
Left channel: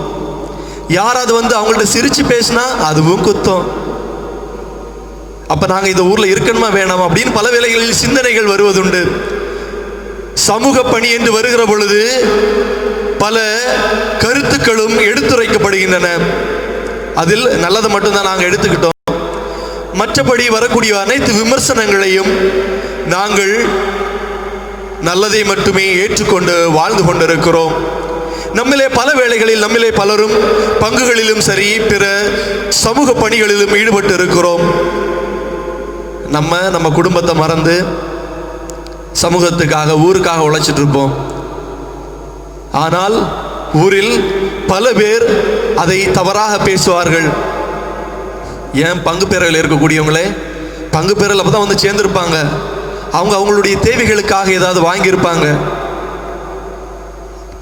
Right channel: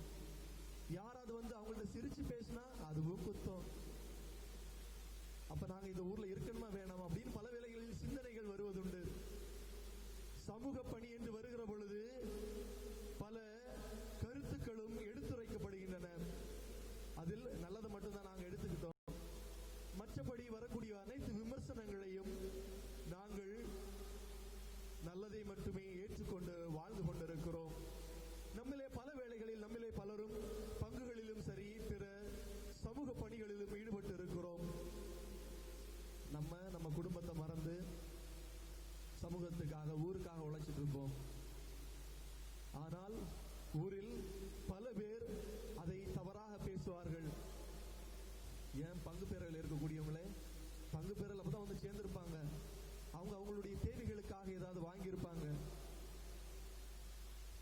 யாராவது அவங்கள்ட்ட சிரிச்சு பேசினா அதுவும் குத்தம். அப்ப நாங்க இந்த ஊர்ல இருக்கணுமா வேணாமா அப்படின்னு பல வேளைகளில் சிந்தனைகள் வருவதுண்டு. சமூக பணி என்று வருகிற பொழுது பல கருத்துக்களும் எடுத்துரைக்கப்படுகின்றன. அதில் நல்லதை மட்டும்தான் நாங்கள் எடுத்துக்கிட்டோம். மற்றபடி வரக்கூடிய அனைத்து விமர்சனங்களையும் நாங்கள் நல்லதை மட்டுமே ஏற்றுக்கொண்டு வாழ்ந்து கொண்டிருக்கிறோம். நம்மிலே பல வேளைகளில் நம்மிலே பலரும் பங்குகளிலும் சரி பிற சமூக பணிகளிலும் ஈடுபட்டு இருக்கிறோம். நம்ம குடும்பத்தை மறந்து சமூகத்துக்காக ஊருக்காக உழைச்சிட்டு இருப்போம். ஆனால் ஊரில் பல பேர் அதை தவறாக பேசுவார்கள். ஏன் பங்கு பேரில் இருக்கக்கூடியவங்களே பங்கு பேரில் அப்போ தான் சேர்ந்துருப்பாங்க. அவங்களுடைய தேவைகளுக்காக ஏதாவது வாங்கியிருப்பாங்க.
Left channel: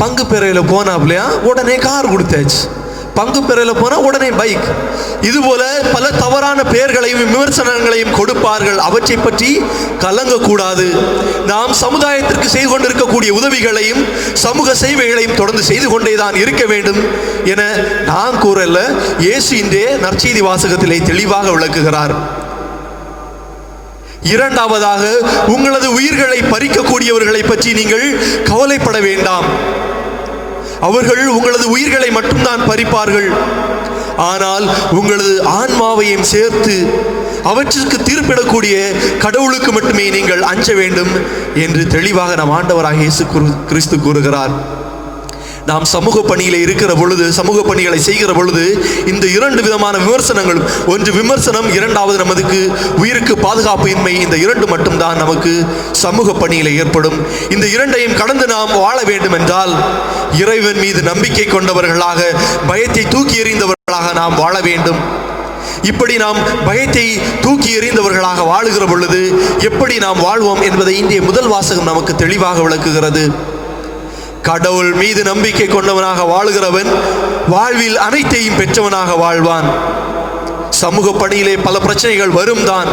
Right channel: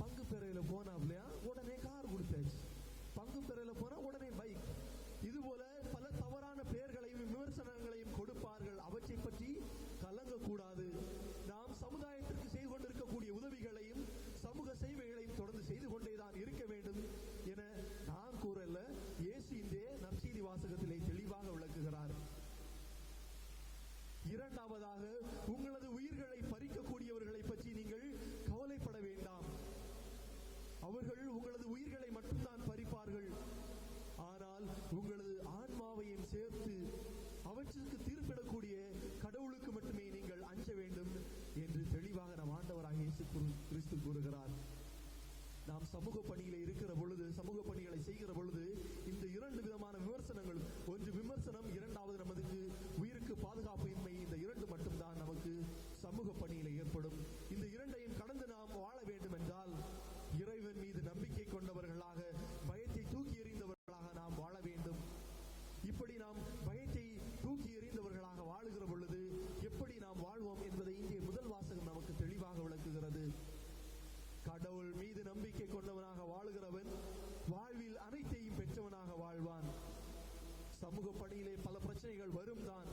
பங்கு பேரையில் போனாப்லையா உடனே கார் கொடுத்தாச்சு, பங்கு பெறல போனால் உடனே பைக். இதுபோல பல தவறான பெயர்களையும் விமர்சனங்களையும் கொடுப்பார்கள். அவற்றை பற்றி கலங்கக்கூடாது. நாம் சமுதாயத்திற்கு செய்து கொண்டிருக்கக்கூடிய உதவிகளையும் சமூக சேவைகளையும் தொடர்ந்து செய்து கொண்டேதான் இருக்க வேண்டும் என நான் கூறல. இயேசு இன்றே நற்செய்தி வாசகத்திலே தெளிவாக விளக்குகிறார். இரண்டாவதாக, உங்களது உயிர்களை பறிக்கக்கூடியவர்களை பற்றி நீங்கள் கவலைப்பட வேண்டாம். அவர்கள் உங்களது உயிர்களை மட்டும்தான் பறிப்பார்கள். ஆனால் உங்களது ஆன்மாவையும் சேர்த்து அவற்றிற்கு தீர்ப்பிடக்கூடிய கடவுளுக்கு மட்டுமே நீங்கள் அஞ்ச வேண்டும் என்று தெளிவாக நம் ஆண்டவராக இயேசு கிறிஸ்து கூறுகிறார். நாம் சமூக பணியில் இருக்கிற பொழுது, சமூக பணிகளை செய்கிற பொழுது இந்த இரண்டு விதமான விமர்சனங்களும், ஒன்று விமர்சனம், இரண்டாவது நமக்கு உயிருக்கு பாதுகாப்பு இன்மை, இந்த இரண்டு மட்டும்தான் நமக்கு சமூக பணியில் ஏற்படும். இந்த இரண்டையும் கடந்து நாம் வாழ வேண்டும் என்றால் இறைவன் மீது நம்பிக்கை கொண்டவர்களாக, பயத்தை தூக்கி எறிந்தவர்களாக நாம் வாழ வேண்டும். இப்படி நாம் பயத்தை தூக்கி எறிந்தவர்களாக வாழுகிற பொழுது எப்படி நாம் வாழ்வோம் என்பதை இன்றைய முதல் வாசகம் நமக்கு தெளிவாக விளக்குகிறது. கடவுள் மீது நம்பிக்கை கொண்டவனாக வாழுகிறவன் வாழ்வில் அனைத்தையும் பெற்றவனாக வாழ்வான். சமூக பணியிலே பல பிரச்சனைகள் வரும் தான்.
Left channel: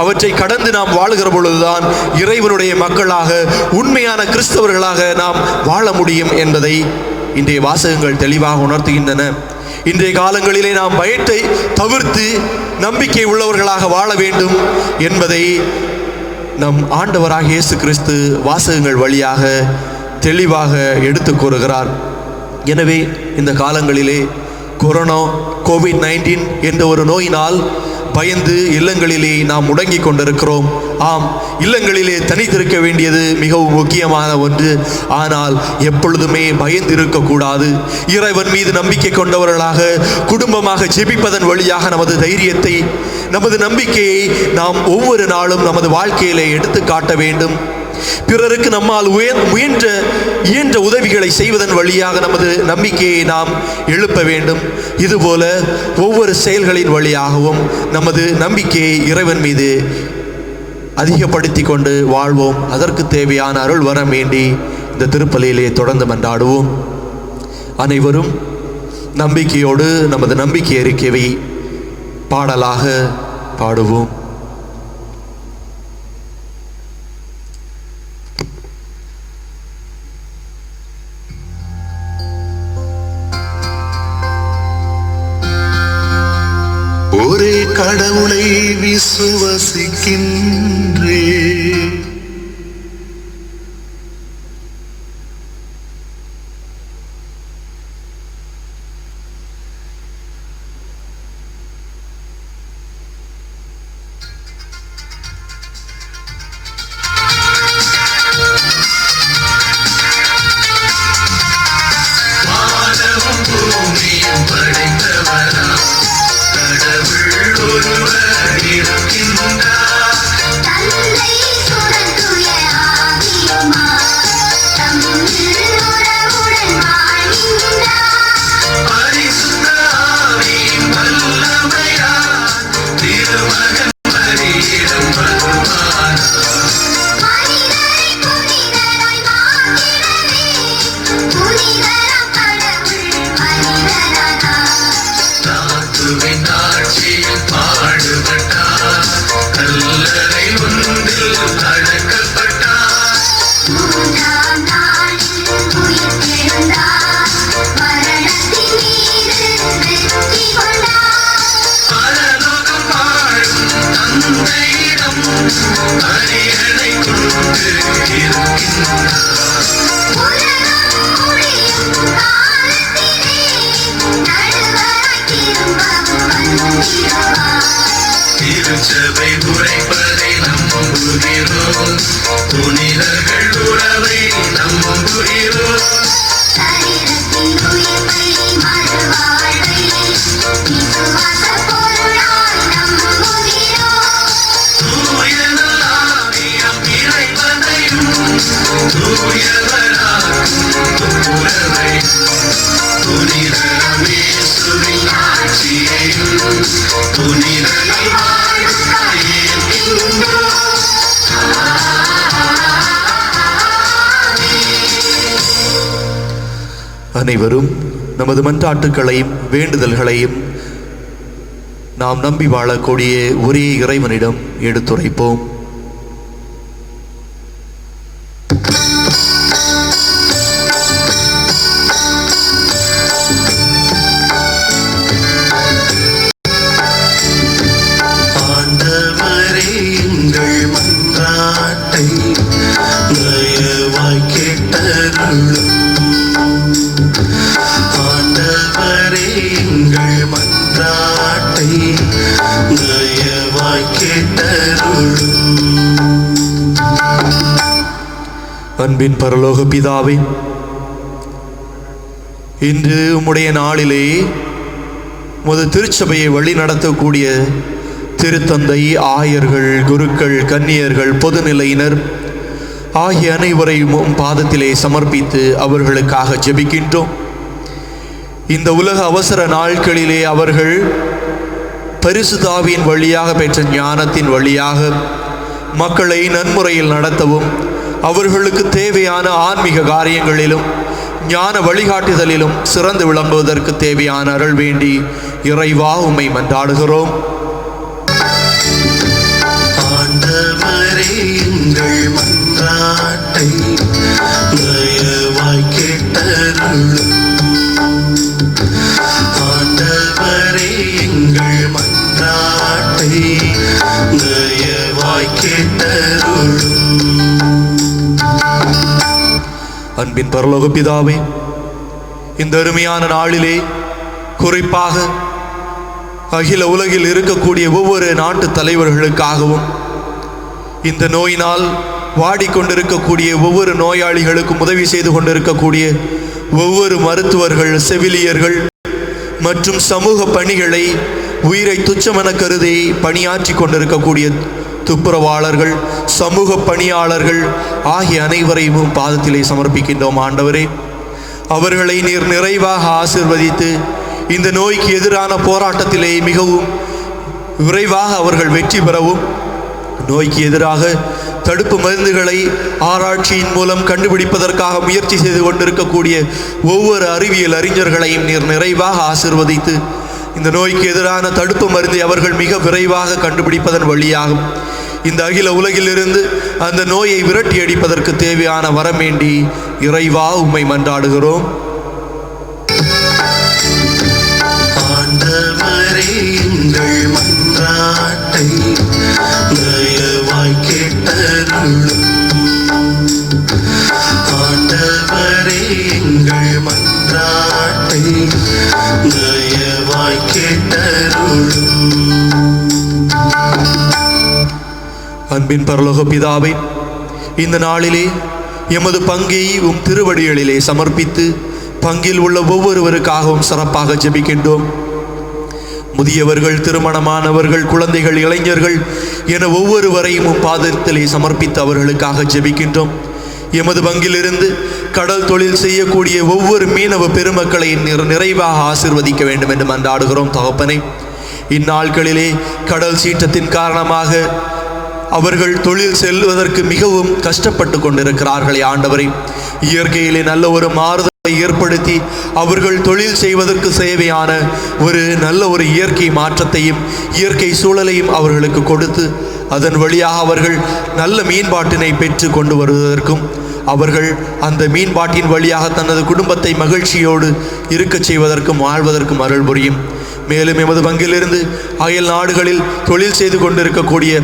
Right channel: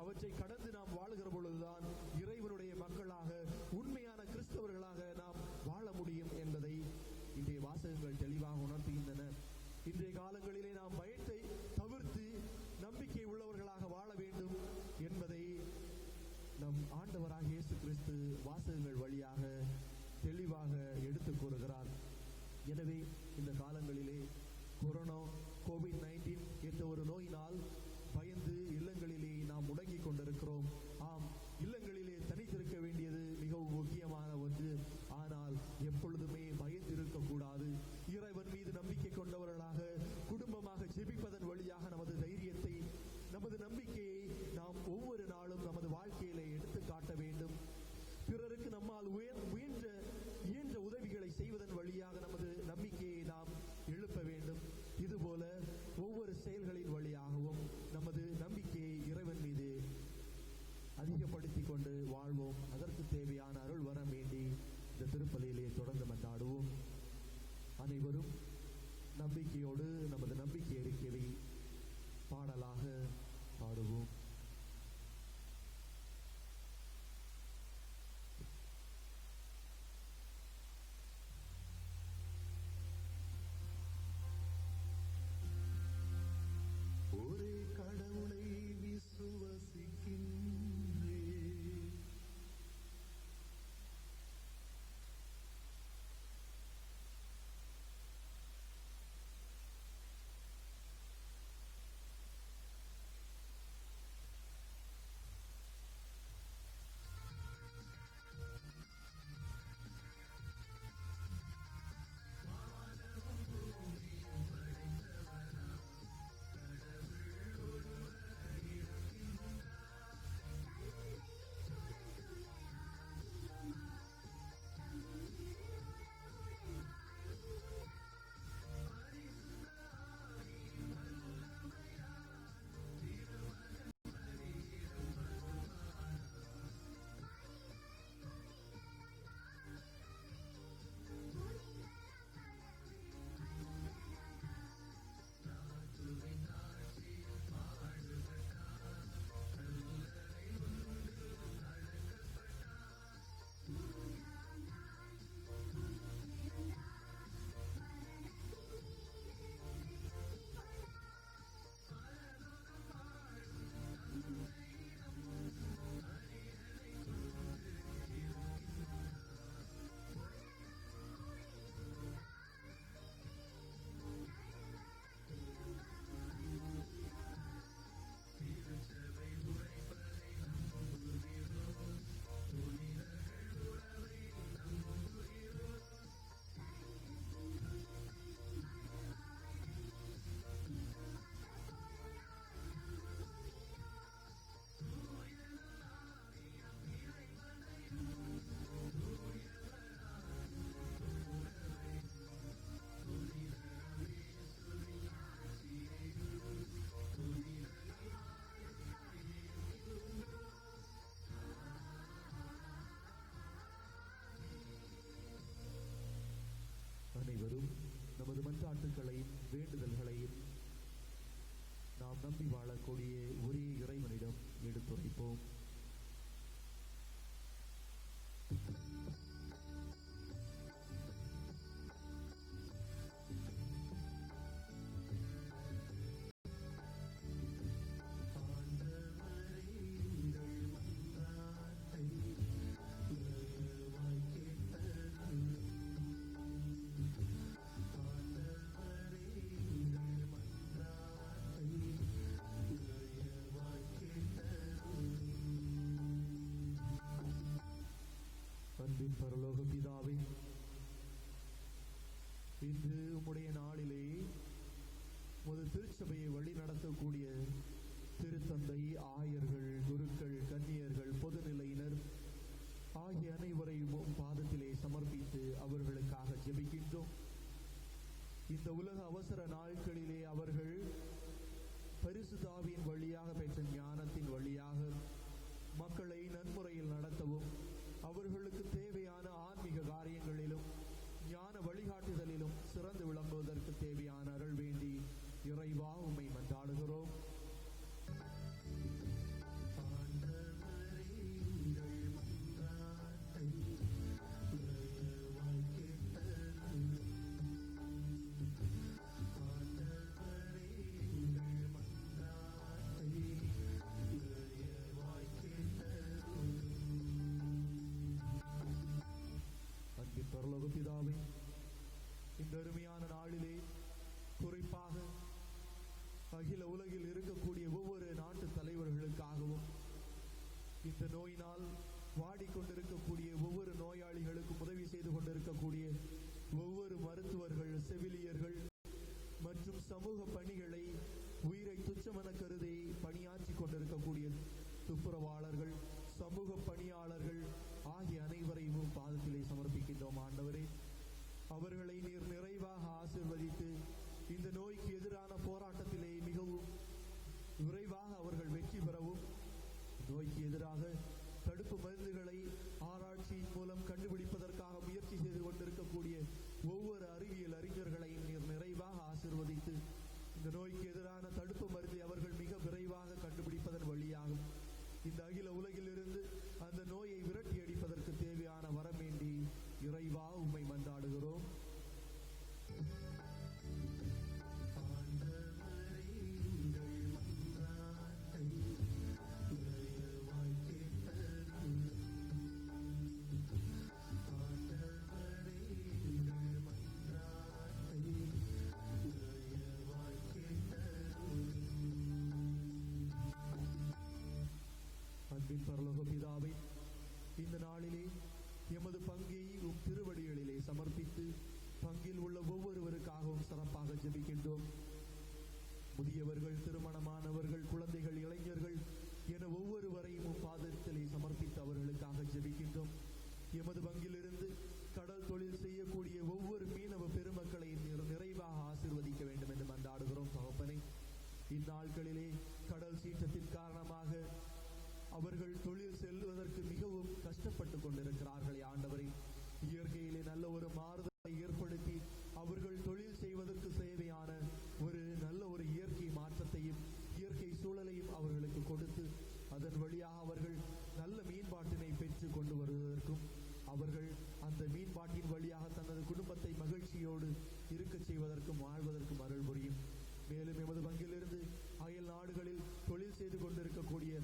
அவற்றை கடந்து நாம் வாழுகிற பொழுதுதான் இறைவனுடைய மக்களாக, உண்மையான கிறிஸ்தவர்களாக நாம் வாழ முடியும் என்பதை இன்றைய வாசகங்கள் தெளிவாக உணர்த்துகின்றன. இன்றைய காலங்களிலே நாம் பயத்தை தவிர்த்து நம்பிக்கை உள்ளவர்களாக வாழ வேண்டும் என்பதை நம் ஆண்டவராக இயேசு கிறிஸ்து வாசகங்கள் வழியாக தெளிவாக எடுத்து கூறுகிறார். எனவே இந்த காலங்களிலே கோவிட்-19 என்ற ஒரு நோயினால் பயந்து இல்லங்களிலே நாம் முடங்கி கொண்டிருக்கிறோம். ஆம், இல்லங்களிலே தனித்திருக்க வேண்டியது மிகவும் முக்கியமான ஒன்று. ஆனால் எப்பொழுதுமே பயந்து இருக்கக்கூடாது. இறைவன் மீது நம்பிக்கை கொண்டவர்களாக குடும்பமாக ஜெபிப்பதன் வழியாக நமது தைரியத்தை, நமது நம்பிக்கையை நாம் ஒவ்வொரு நாளும் நமது வாழ்க்கையிலே எடுத்து காட்ட வேண்டும். பிறருக்கு நம்மால் இயன்ற உதவிகளை செய்வதன் வழியாக நமது நம்பிக்கையை நாம் எழுப்ப வேண்டும். இதுபோல ஒவ்வொரு செயல்களின் வழியாகவும் நமது நம்பிக்கையை இறைவன் மீது அதிகப்படுத்தி கொண்டு வாழ்வோம். அதற்கு தேவையான அருள் வரம் வேண்டி இந்த திருப்பலியிலே தொடர்ந்து மன்றாடுவோம். அனைவரும் நம்பிக்கையோடு நமது நம்பிக்கை அறிக்கையை பாடலாக பாடுவோம். ஒரே கடவுளை விசுவசிக்கின்றே, தந்தை சுரந்துய ஆவியுமாய் தம்மில் உறவுடன் வாழ்கின்றார். பரிசுத்த ஆவியின் வல்லமையால் திருமகன் பலியிடும் வருவார். மனிதரை புனிதராய் மாற்றிடவே புனிதராம் கடவுள் மனிதரானார். தாத்துவின் ஆட்சியில் பாடுபட்டார், கல்லறை ஒன்றில் அடக்கப்பட்டார். மூன்றாம் நாளில் உயிர்த்தெழுந்தார். மரணத்தின் மீது வெற்றி கொண்டார். பரலோகம் வாழும் தந்தையிடம் அரியணை கொண்டு இருக்கின்றார். உலகம் முடியும் காலத்திலே நடுவராய் திரும்பவும் வந்திடுவார். திருச்சபை உரைப்பதை நம்புகிறோம், புனிதர்கள் உறவை நம்புகிறோம். சரீரத்தின் உயிர்ப்பை மறுவாழ்வை விசுவாச பொருளாய் நம்புகிறோம். தூய நல்லாவியம் இறைவனையும் தூயவராக்கும் உறவை, புனிதர் இயேசுவின் ஆட்சியையும் புனிதரை வாழும் கையேற்கின்றோம். அனைவரும் நமது மன்றாட்டுக்களையும் வேண்டுதல்களையும் நாம் நம்பி வாழக்கூடிய ஒரே இறைவனிடம் எடுத்துரைப்போம். ஆண்டவரே எங்கள் மன்றாட்டை தயவாய் கேட்டருளும். ஆண்டவரே எங்கள் மன்றாட்டை தயவாய் கேட்டருளும். அன்பின் பரலோக பிதாவே, இன்று உம்முடைய நாளிலே உமது திருச்சபையை வழி நடத்தக்கூடிய திருத்தந்தை, ஆயர்கள், குருக்கள், கன்னியர்கள், பொதுநிலையினர் ஆகிய அனைவரையும் உம் பாதத்திலே சமர்ப்பித்து அவர்களுக்காக ஜெபிக்கின்றோம். இந்த உலக அவசர நாட்களிலே அவர்கள் பரிசுத்த ஆவியின் வழியாக பெற்ற ஞானத்தின் வழியாக மக்களை நன்முறையில் நடத்தவும், அவர்களுக்கு தேவையான ஆன்மீக காரியங்களிலும் ஞான வழிகாட்டுதலிலும் சிறந்து விளங்குவதற்கு தேவையான அருள் வேண்டி இறைவா உம்மை மன்றாடுகிறோம். ஆண்டவரே எங்கள் மன்றாட்டை தயவாய் கேட்டருளும். ஆண்டவரே எங்கள் மன்றாட்டை தயவாய் கேட்டருளும். அன்பின் பரலோக பிதாவே, இந்த அருமையான நாளிலே குறிப்பாக அகில உலகில் இருக்கக்கூடிய ஒவ்வொரு நாட்டு தலைவர்களுக்காகவும், இந்த நோயினால் வாடிக்கொண்டிருக்கக்கூடிய ஒவ்வொரு நோயாளிகளுக்கும் உதவி செய்து கொண்டிருக்கக்கூடிய ஒவ்வொரு மருத்துவர்கள், செவிலியர்கள் மற்றும் சமூக பணிகளை உயிரை துச்சமென கருதி பணியாற்றி கொண்டிருக்கக்கூடிய துப்புரவாளர்கள், சமூக பணியாளர்கள் ஆகிய அனைவரையும் பாதத்திலே சமர்ப்பிக்கின்றோம். ஆண்டவரே, அவர்களை நீர் நிறைவாக ஆசீர்வதித்து இந்த நோய்க்கு எதிரான போராட்டத்திலே மிகவும் விரைவாக அவர்கள் வெற்றி பெறவும், நோய்க்கு எதிராக தடுப்பு மருந்துகளை ஆராய்ச்சியின் மூலம் கண்டுபிடிப்பதற்காக முயற்சி செய்து கொண்டிருக்கக்கூடிய ஒவ்வொரு அறிவியல் அறிஞர்களையும் நீர் நிறைவாக ஆசீர்வதித்து இந்த நோய்க்கு எதிரான தடுப்பு மருந்தை அவர்கள் மிக விரைவாக கண்டுபிடிப்பதன் வழியாகும் இந்த அகில உலகிலிருந்து அந்த நோயை விரட்டி அடிப்பதற்கு தேவையான வரம் வேண்டி இறைவா உம்மை மன்றாடுகிறோம். ஆண்டவரே எங்கள் மன்றாட்டை தயவாய் கேட்டருளும். ஆண்டவரே எங்கள் மன்றாட்டை தயவாய் கேட்டருளும். அன்பின் பரலோக பிதாவே, இந்த நாளிலே எமது பங்கை உம் திருவடிகளிலே சமர்ப்பித்து பங்கில் உள்ள ஒவ்வொருவருக்காகவும் சிறப்பாக ஜெபிக்கின்றோம். முதியவர்கள், திருமணமானவர்கள், குழந்தைகள், இளைஞர்கள் என ஒவ்வொருவரையும் உம் பாதத்திலே சமர்ப்பித்து அவர்களுக்காக ஜெபிக்கின்றோம். எமது பங்கிலிருந்து கடல் தொழில் செய்யக்கூடிய ஒவ்வொரு மீனவ பெருமக்களை நிறைவாக ஆசீர்வதிக்க வேண்டும் என்று மன்றாடுகிறோம். தகப்பனே, இந்நாட்களிலே கடல் சீற்றத்தின் காரணமாக அவர்கள் தொழில் செல்வதற்கு மிகவும் கஷ்டப்பட்டு கொண்டிருக்கிறார்களே ஆண்டவரே, இயற்கையிலே நல்ல ஒரு மாறுதலை ஏற்படுத்தி அவர்கள் தொழில் செய்வதற்கு தேவையான ஒரு நல்ல ஒரு இயற்கை மாற்றத்தையும் இயற்கை சூழலையும் அவர்களுக்கு கொடுத்து அதன் வழியாக அவர்கள் நல்ல மீன்பாட்டினை பெற்று கொண்டு வருவதற்கும் அவர்கள் அந்த மீன்பாட்டின் வழியாக தனது குடும்பத்தை மகிழ்ச்சியோடு இருக்கச் செய்வதற்கும் வாழ்வதற்கும் அருள் புரியும். மேலும் எமது பங்கிலிருந்து அயல் நாடுகளில் தொழில் செய்து கொண்டிருக்கக்கூடிய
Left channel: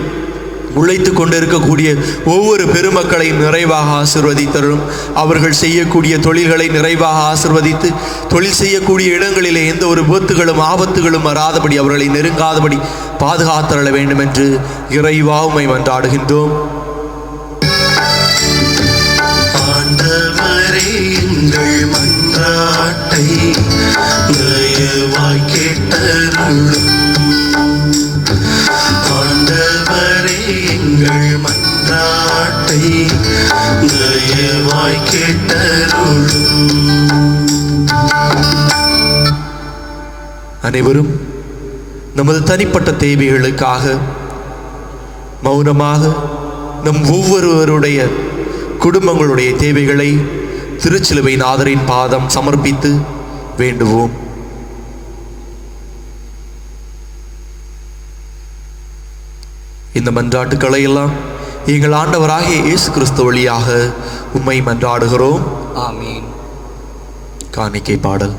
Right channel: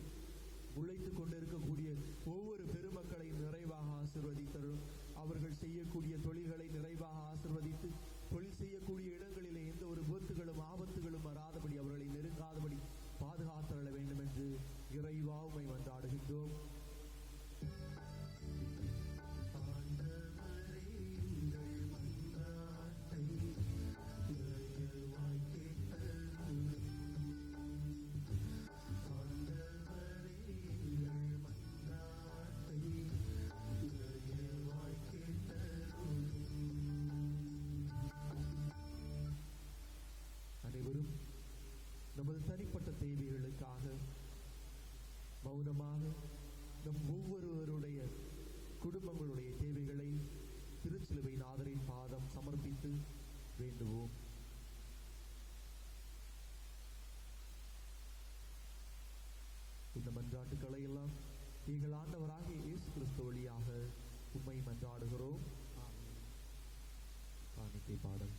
உழைத்து கொண்டிருக்கக்கூடிய ஒவ்வொரு பெருமக்களையும் நிறைவாக ஆசீர்வதித்தரும். அவர்கள் செய்யக்கூடிய தொழில்களை நிறைவாக ஆசீர்வதித்து தொழில் செய்யக்கூடிய இடங்களிலே எந்த ஒரு விபத்துகளும் ஆபத்துகளும் வராதபடி அவர்களை நெருங்காதபடி பாதுகாத்தருள வேண்டும் என்று இறைவா உம்மை மன்றாடுகின்றோம். ஆண்டவரே எங்கள் மன்றாட்டை தயவாய் கேட்டருளும். ஆண்டவரே எங்கள் மன்றாட்டை தயவாய் கேட்டருளும். அனைவரும் நமது தனிப்பட்ட தேவைகளுக்காக மௌனமாக நம் ஒவ்வொருவருடைய குடும்பங்களுடைய தேவைகளை திருச்சிலுவை நாதரின் பாதம் சமர்ப்பித்து வேண்டுவோம். இந்த மன்றாட்டுக்களை எல்லாம் எங்கள் ஆண்டவராகிய இயேசு கிறிஸ்து வழியாக உம்மை மன்றாடுகிறோம். ஆமீன். காணிக்கை பாடல்.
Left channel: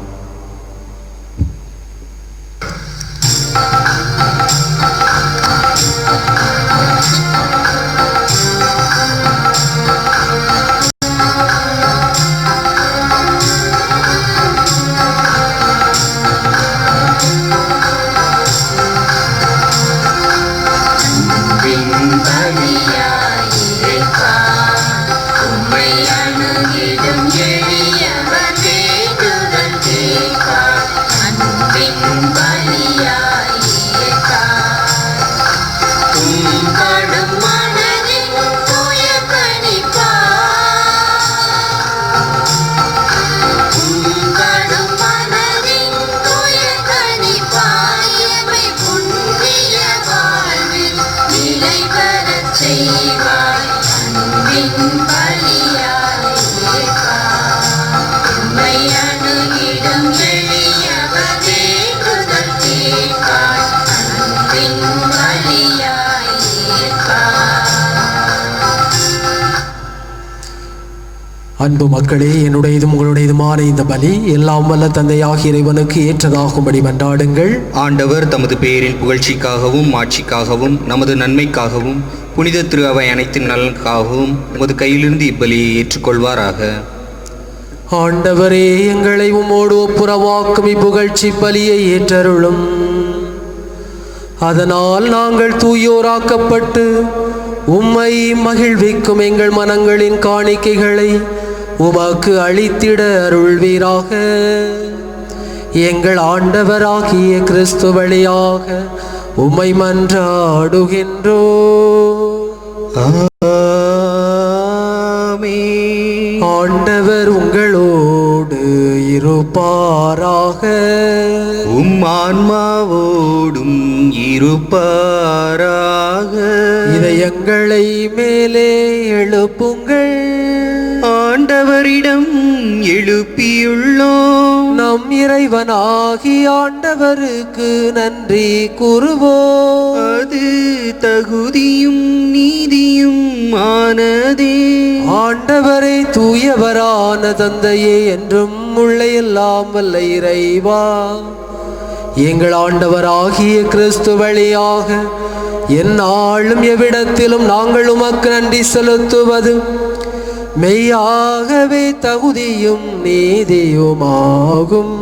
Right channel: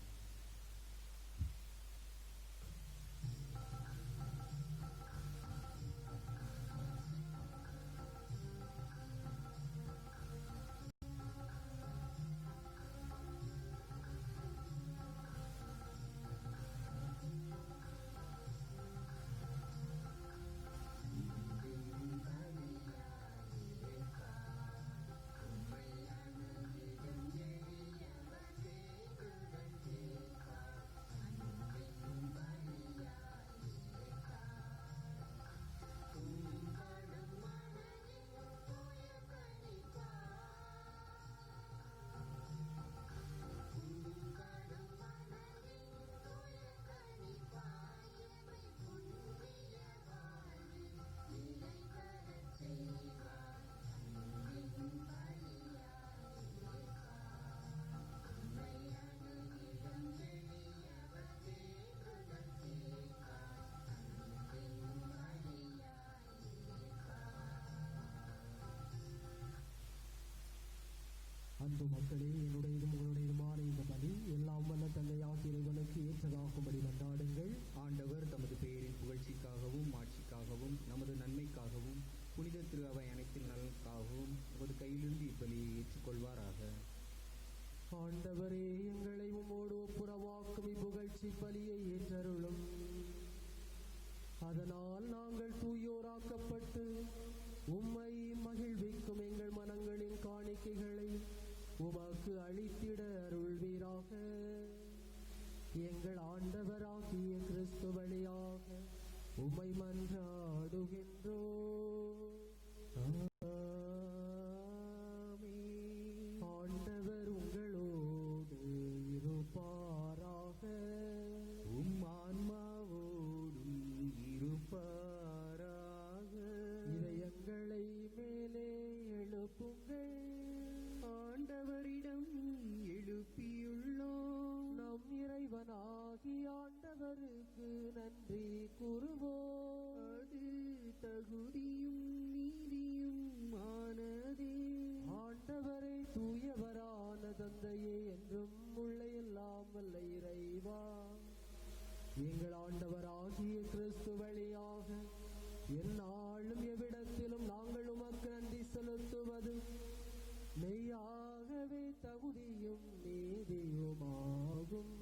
அன்பு மக்களே, என்னுடையதும் உங்களுடையதுமான இந்த பலி எல்லாம் வல்ல தந்தையாகிய இறைவனுக்கு ஏற்றதாகும்படி மன்றாடுங்கள். ஆண்டவர் தமது பெயரின் புகழ்ச்சிக்காகவும் மாட்சிக்காகவும் நமது நன்மைக்காகவும் புனித திரு அவை அனைத்தின் நலனுக்காகவும் உமது கையிலிருந்து இப்பலியை ஏற்றுக்கொள்வாராக. ஆண்டவரே, எங்களை உம்மோடு ஒப்புரவாக்கும் இப்புகழ்ச்சி பலியை ஏற்றருளும். அதனால் நாங்கள் தூயோராக்கப்பட்டு உம்மை மகிழ்விக்கும் எங்கள் மனங்களின் காணிக்கைகளை உமக்கு அளித்திட அருள்வீராக. எங்கள் ஆண்டவராகிய கிறிஸ்து வழியாக உம்மை மன்றாடுகின்றோ. ஆண்டவர் உங்களோடு இருப்பாராக. ஆன்மாவோடும் இருப்பாராக. இதயங்களை மேலே எழுப்புங்கள். ஆண்டவரிடம் எழுப்பியுள்ளோம். நம் இறைவனாகி ஆண்டவருக்கு நன்றி கூறுவோம். அது தகுதியும் நீதியும் ஆனதே. ஆண்டவரை தூயவரான தந்தையே, என்றும் உள்ள எல்லாம் வல்ல இறைவா, எங்கள் ஆண்டவராகிய கிறிஸ்து வழியாக எந்நாளும் எவ்விடத்திலும் நாங்கள் உமக்கு நன்றி செலுத்துவது மெய்யாகவே தகுதியும் நீதியுமாகும்.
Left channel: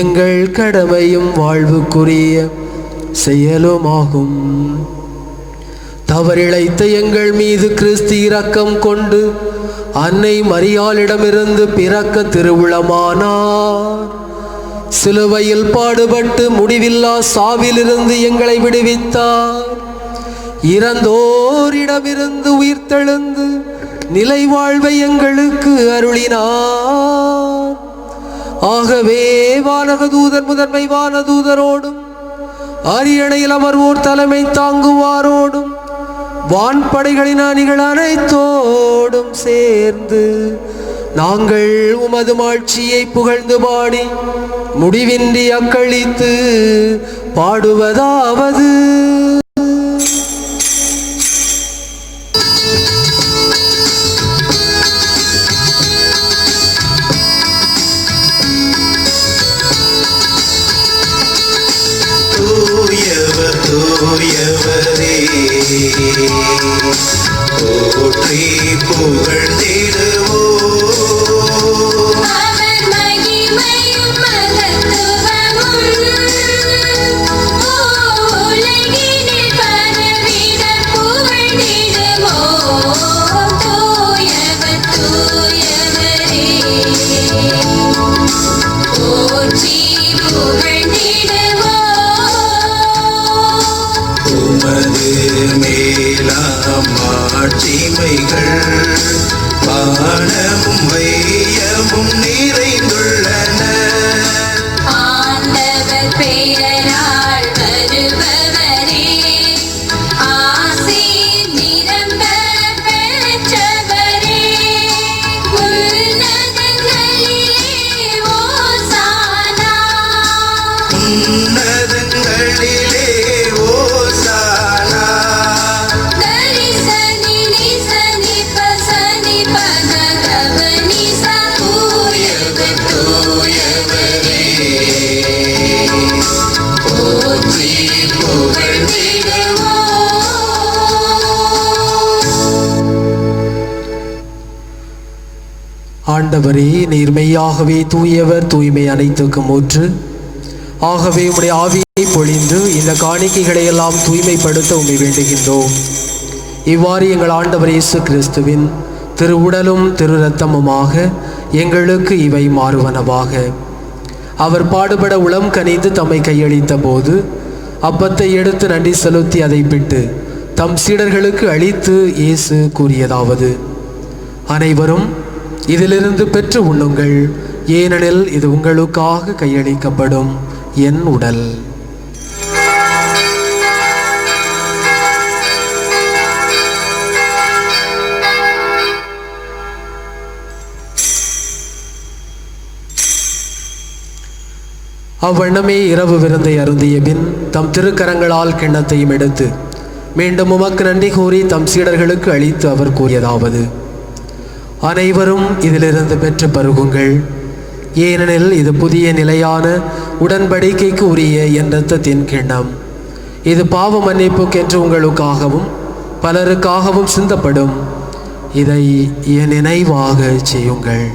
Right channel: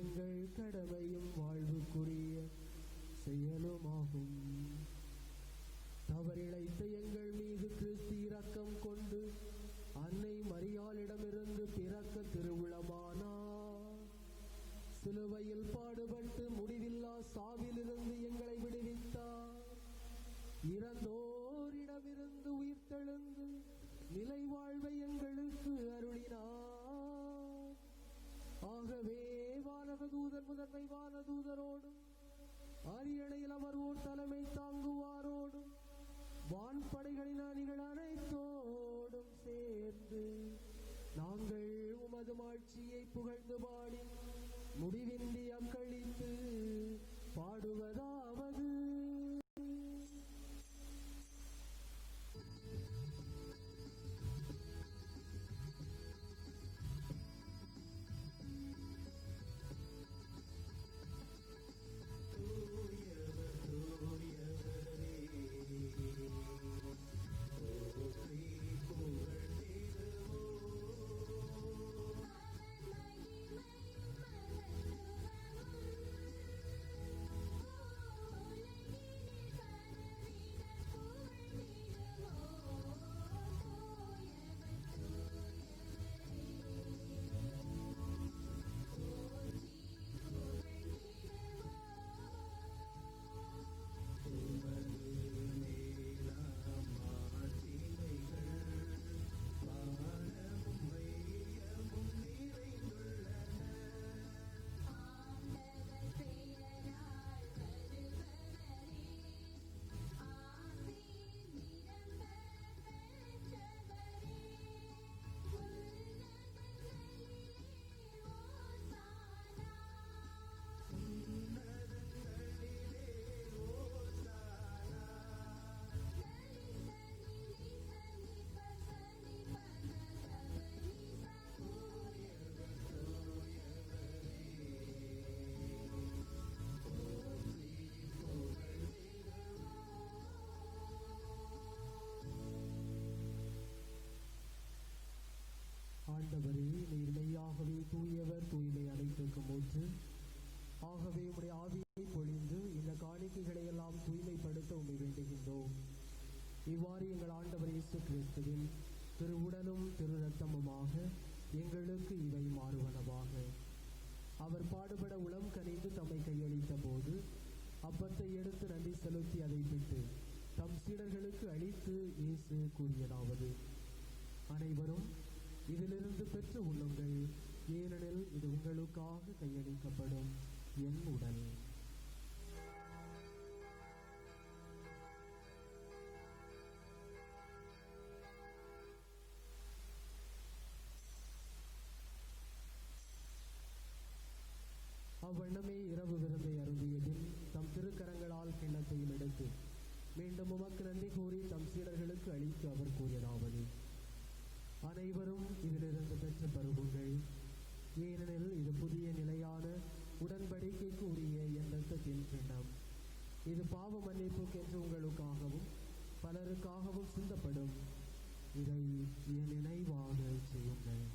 எங்கள் கடமையும் வாழ்வுக்குரிய செயலுமாகும். தவறிழைத்த எங்கள் மீது கிறிஸ்து இரக்கம் கொண்டு அன்னை மரியாளிடமிருந்து பிறக்க திருவுளமானார். சிலுவையில் பாடுபட்டு முடிவில்லா சாவிலிருந்து எங்களை விடுவித்தார். இறந்தோரிடமிருந்து உயிர்த்தெழுந்து நிலை வாழ்வை எங்களுக்கு அருளினார். ஆகவே வானகதூதர் முதன்மை வானதூதரோடும் அரியணையில் அமர்வோர் தலைமை தாங்குவாரோடும் வான்படைகளின் அணிகள் அனைத்தோடும் சேர்ந்து நாங்கள் உமது மாட்சியை புகழ்ந்து பாடி முடிவின்றி அக்களித்து பாடுவதாவது: தூயவர் தூயவரே, போற்றி புகழ்ந்திடுவோம். அவர் மகிமையும் மகத்துவமும் உலகினில் பரவிட புகழ்ந்திடுவோம். தூயவர் தூயவரே, போற்றி புகழ்ந்திடுவோம். உமது மேலாம் மாட்சிமைகள் வானமும் வையமும் நிறைந்துள்ளன. ஆண்டவர் பெயரால் வருபவரே, ஆசீர் நிரம்ப பெற்றவரே, உன்னதங்களிலே ஓசானா. உன்னதங்களிலே ஓசானா. தரி சனி நி சனி பசனி பத கபனி சா தூயவர் தூயவரே போற்றி புகழ்ந்திடுவோம். ஆண்டவரே, நீர் மெய்யாகவே தூயவர், தூய்மை அனைத்துக்கும் ஊற்று. ஆகவே உம்முடைய ஆவியை பொழிந்து இந்த காணிக்கைகளை எல்லாம் தூய்மைப்படுத்த உம்மை வேண்டுகின்றோம். இவ்வாறு எங்கள் ஆண்டவர் இயேசு கிறிஸ்துவின் திரு உடலும் திரு இரத்தமுமாக எங்களுக்கு இவை மாறுவனவாக. அவர் பாடுபட உளம் கனிந்து தம்மை கையளித்த போது அப்பத்தை எடுத்து நன்றி செலுத்தி அதை பிட்டு தம் சீடர்களுக்கு அளித்து இயேசு கூறியதாவது: அனைவரும் இதிலிருந்து பெற்று உண்ணுங்கள், ஏனெனில் இது உங்களுக்காக கையளிக்கப்படும் என் உடல். அவ்வண்ணமே இரவு விருந்தை அருந்திய பின் தம் திருக்கரங்களால் கிண்ணத்தையும் எடுத்து மீண்டும் உமக்கு நன்றி கூறி தம் சீடர்களுக்கு அளித்து அவர் கூறியதாவது: அனைவரும் இதிலிருந்து பெற்று பருகுங்கள், ஏனெனில் இது புதிய நிலையான உடன்படிக்கைக்கு உரிய என் இரத்தத்தின் கிண்ணம். இது பாவ மன்னிப்புக்கென்று உங்களுக்காகவும் பலருக்காகவும் சிந்தப்படும். இதை என் நினைவாக செய்யுங்கள்.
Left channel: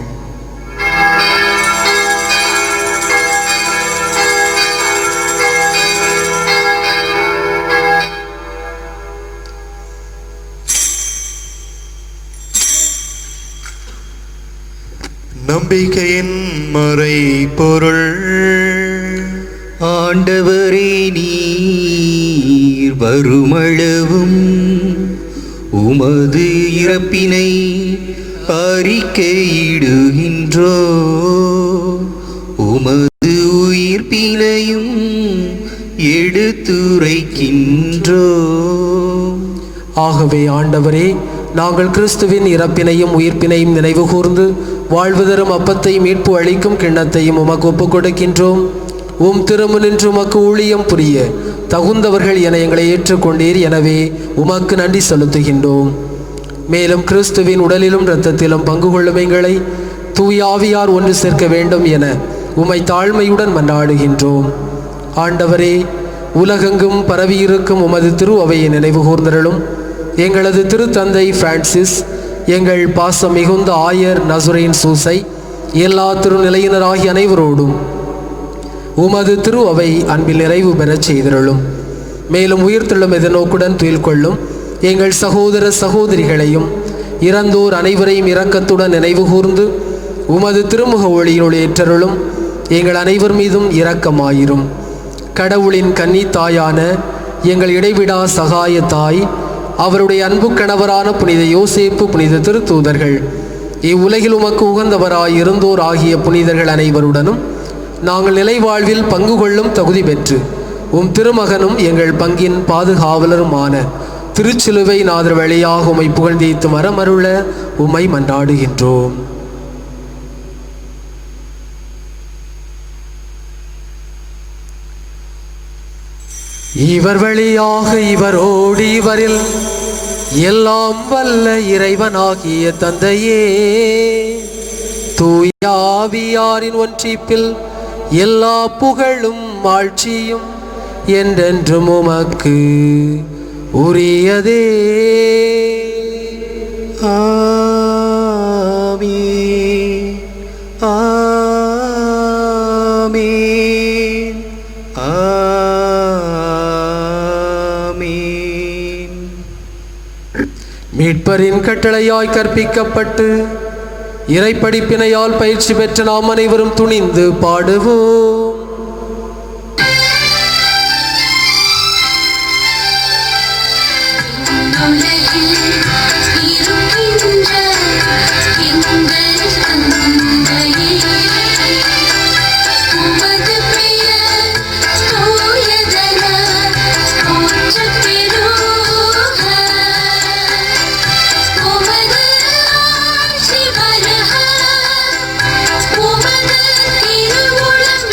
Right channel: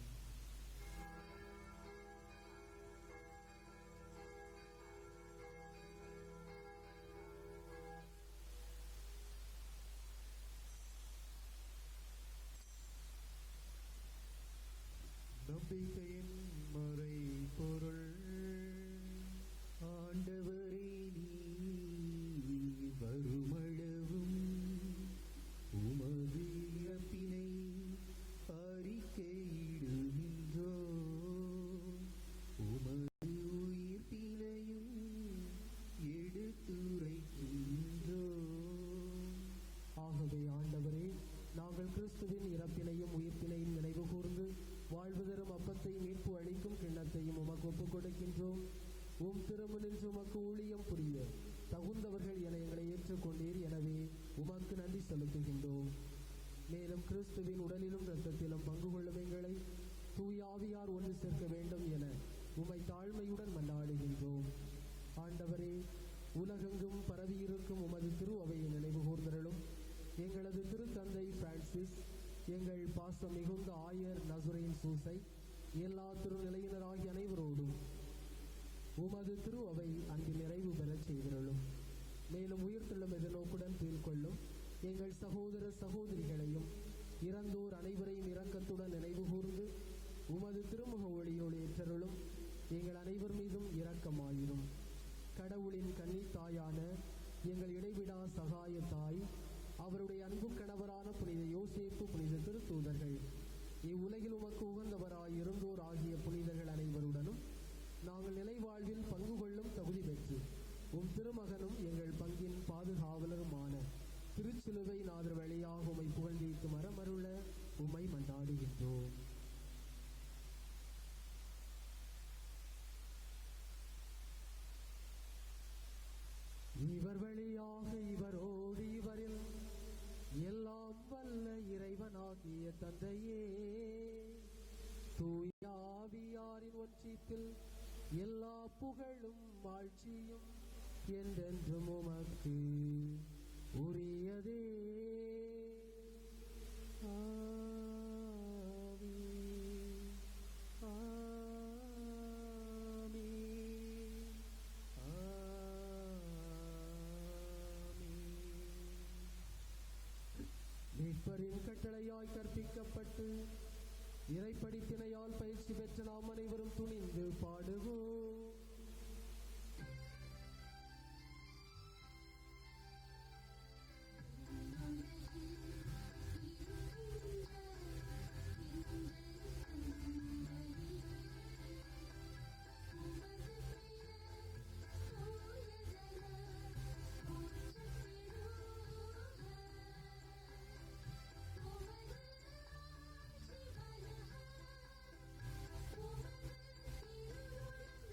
நம்பிக்கையின் மறை பொருள். ஆண்டவரே, நீர் வருமளவும் உமது இறப்பினை அறிக்கையிடுகின்றோ, உமது உயிர்ப்பினையும் எடுத்துரைக்கின்றோ. ஆகவே ஆண்டவரே, நாங்கள் கிறிஸ்துவின் இறப்பினையும் உயிர்ப்பினையும் நினைவு கூர்ந்து வாழ்வு தரும் அப்பத்தையும் மீட்பு அளிக்கும் கிண்ணத்தையும் உமக்கு ஒப்புக் கொடுக்கின்றோம். திருமுனின்று உமக்கு ஊழியம் புரிய தகுந்தவர்கள் என எங்களை ஏற்றுக்கொண்டீர். எனவே உமக்கு நன்றி செலுத்துகின்றோம். மேலும் கிறிஸ்துவின் உடலிலும் இரத்தத்திலும் பங்கு கொள்ளும் எங்களை தூயாவியார் ஒன்று சேர்க்க வேண்டும் என உம்மை தாழ்மையுடன் மன்றாடுகின்றோம். ஆண்டவரே, உலகெங்கும் பரவியிருக்கும் உமது திரு அவையை நினைவு கூர்ந்தருளும். எங்களது திருத்தந்தை பிரான்சிஸ், எங்கள் பாசம் மிகுந்த ஆயர் நசுரேன் சூசை, எல்லா திருநிலையினராகிய அனைவரோடும் உமது திரு அவை அன்பில் நிறைவு பெறச் செய்திருளும். மேலும் உயிர்த்தெழும் எதிர்நோக்குடன் துயில் கொள்ளும் எங்கள் சகோதர சகோதரிகளையும் இறந்தோர் அனைவரையும் இரக்கத்துடன் நினைவு கூர்ந்து உமது திருமுக ஒளியினுள் ஏற்றருளும். எங்கள் அனைவர் மீதும் இரக்கமாயிரும். கடவுளின் கன்னி தாயான எங்கள் இடைவிடா சகாய தாய், அவருடைய அன்பு கணவரான புனித யோசேப்பு, புனித திருத்தூதர்கள், இவ்வுலகில் உமக்கு உகந்தவராய் இருந்தோர் ஆகிய புனிதர்கள் அனைவருடனும் நாங்கள் நிலை வாழ்வில் பங்கு கொள்ளும் தகுதி பெற்று திருமகனும் எங்கள் பங்கின் பாதுகாவலருமான திருச்சிலுவை நாதர் வழியாக உம்மை புகழ்ந்தேத்து மரமருள உம்மை மன்றாடுகின்றோம். இவர் வழியாக இவரோடு இவரில் எல்லாம் வல்ல இறைவனாகிய தந்தையே, தூய ஆவியாரின் ஒன்றிப்பில் எல்லா புகழும் ஆட்சியும் என்றென்றும் உமக்கு உரியதே. ஆமென், ஆமென், ஆமென். மீட்பரின் கட்டளையாய் கற்பிக்கப்பட்டு இறைப்படிப்பினையால் பயிற்சி பெற்ற நாம் அனைவரும் துணிந்து பாடுவோம். உமது திருவுளம்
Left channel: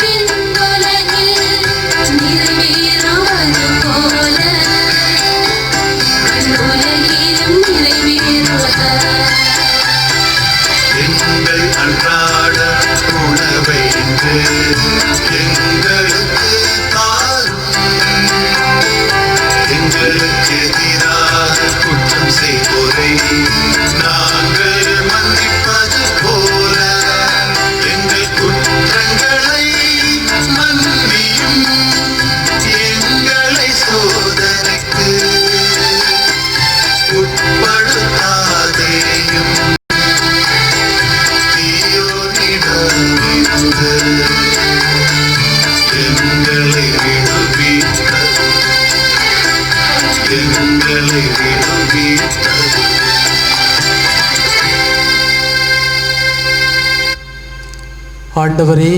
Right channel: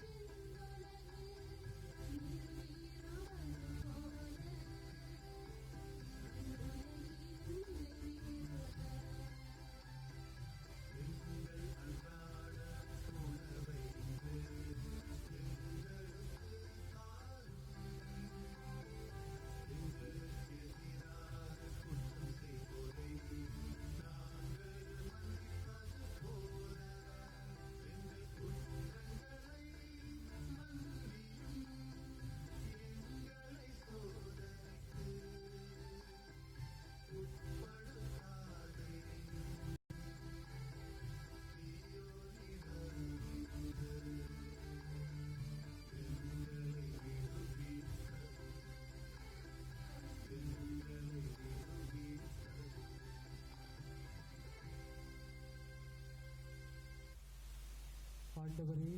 ஆண்டவரே,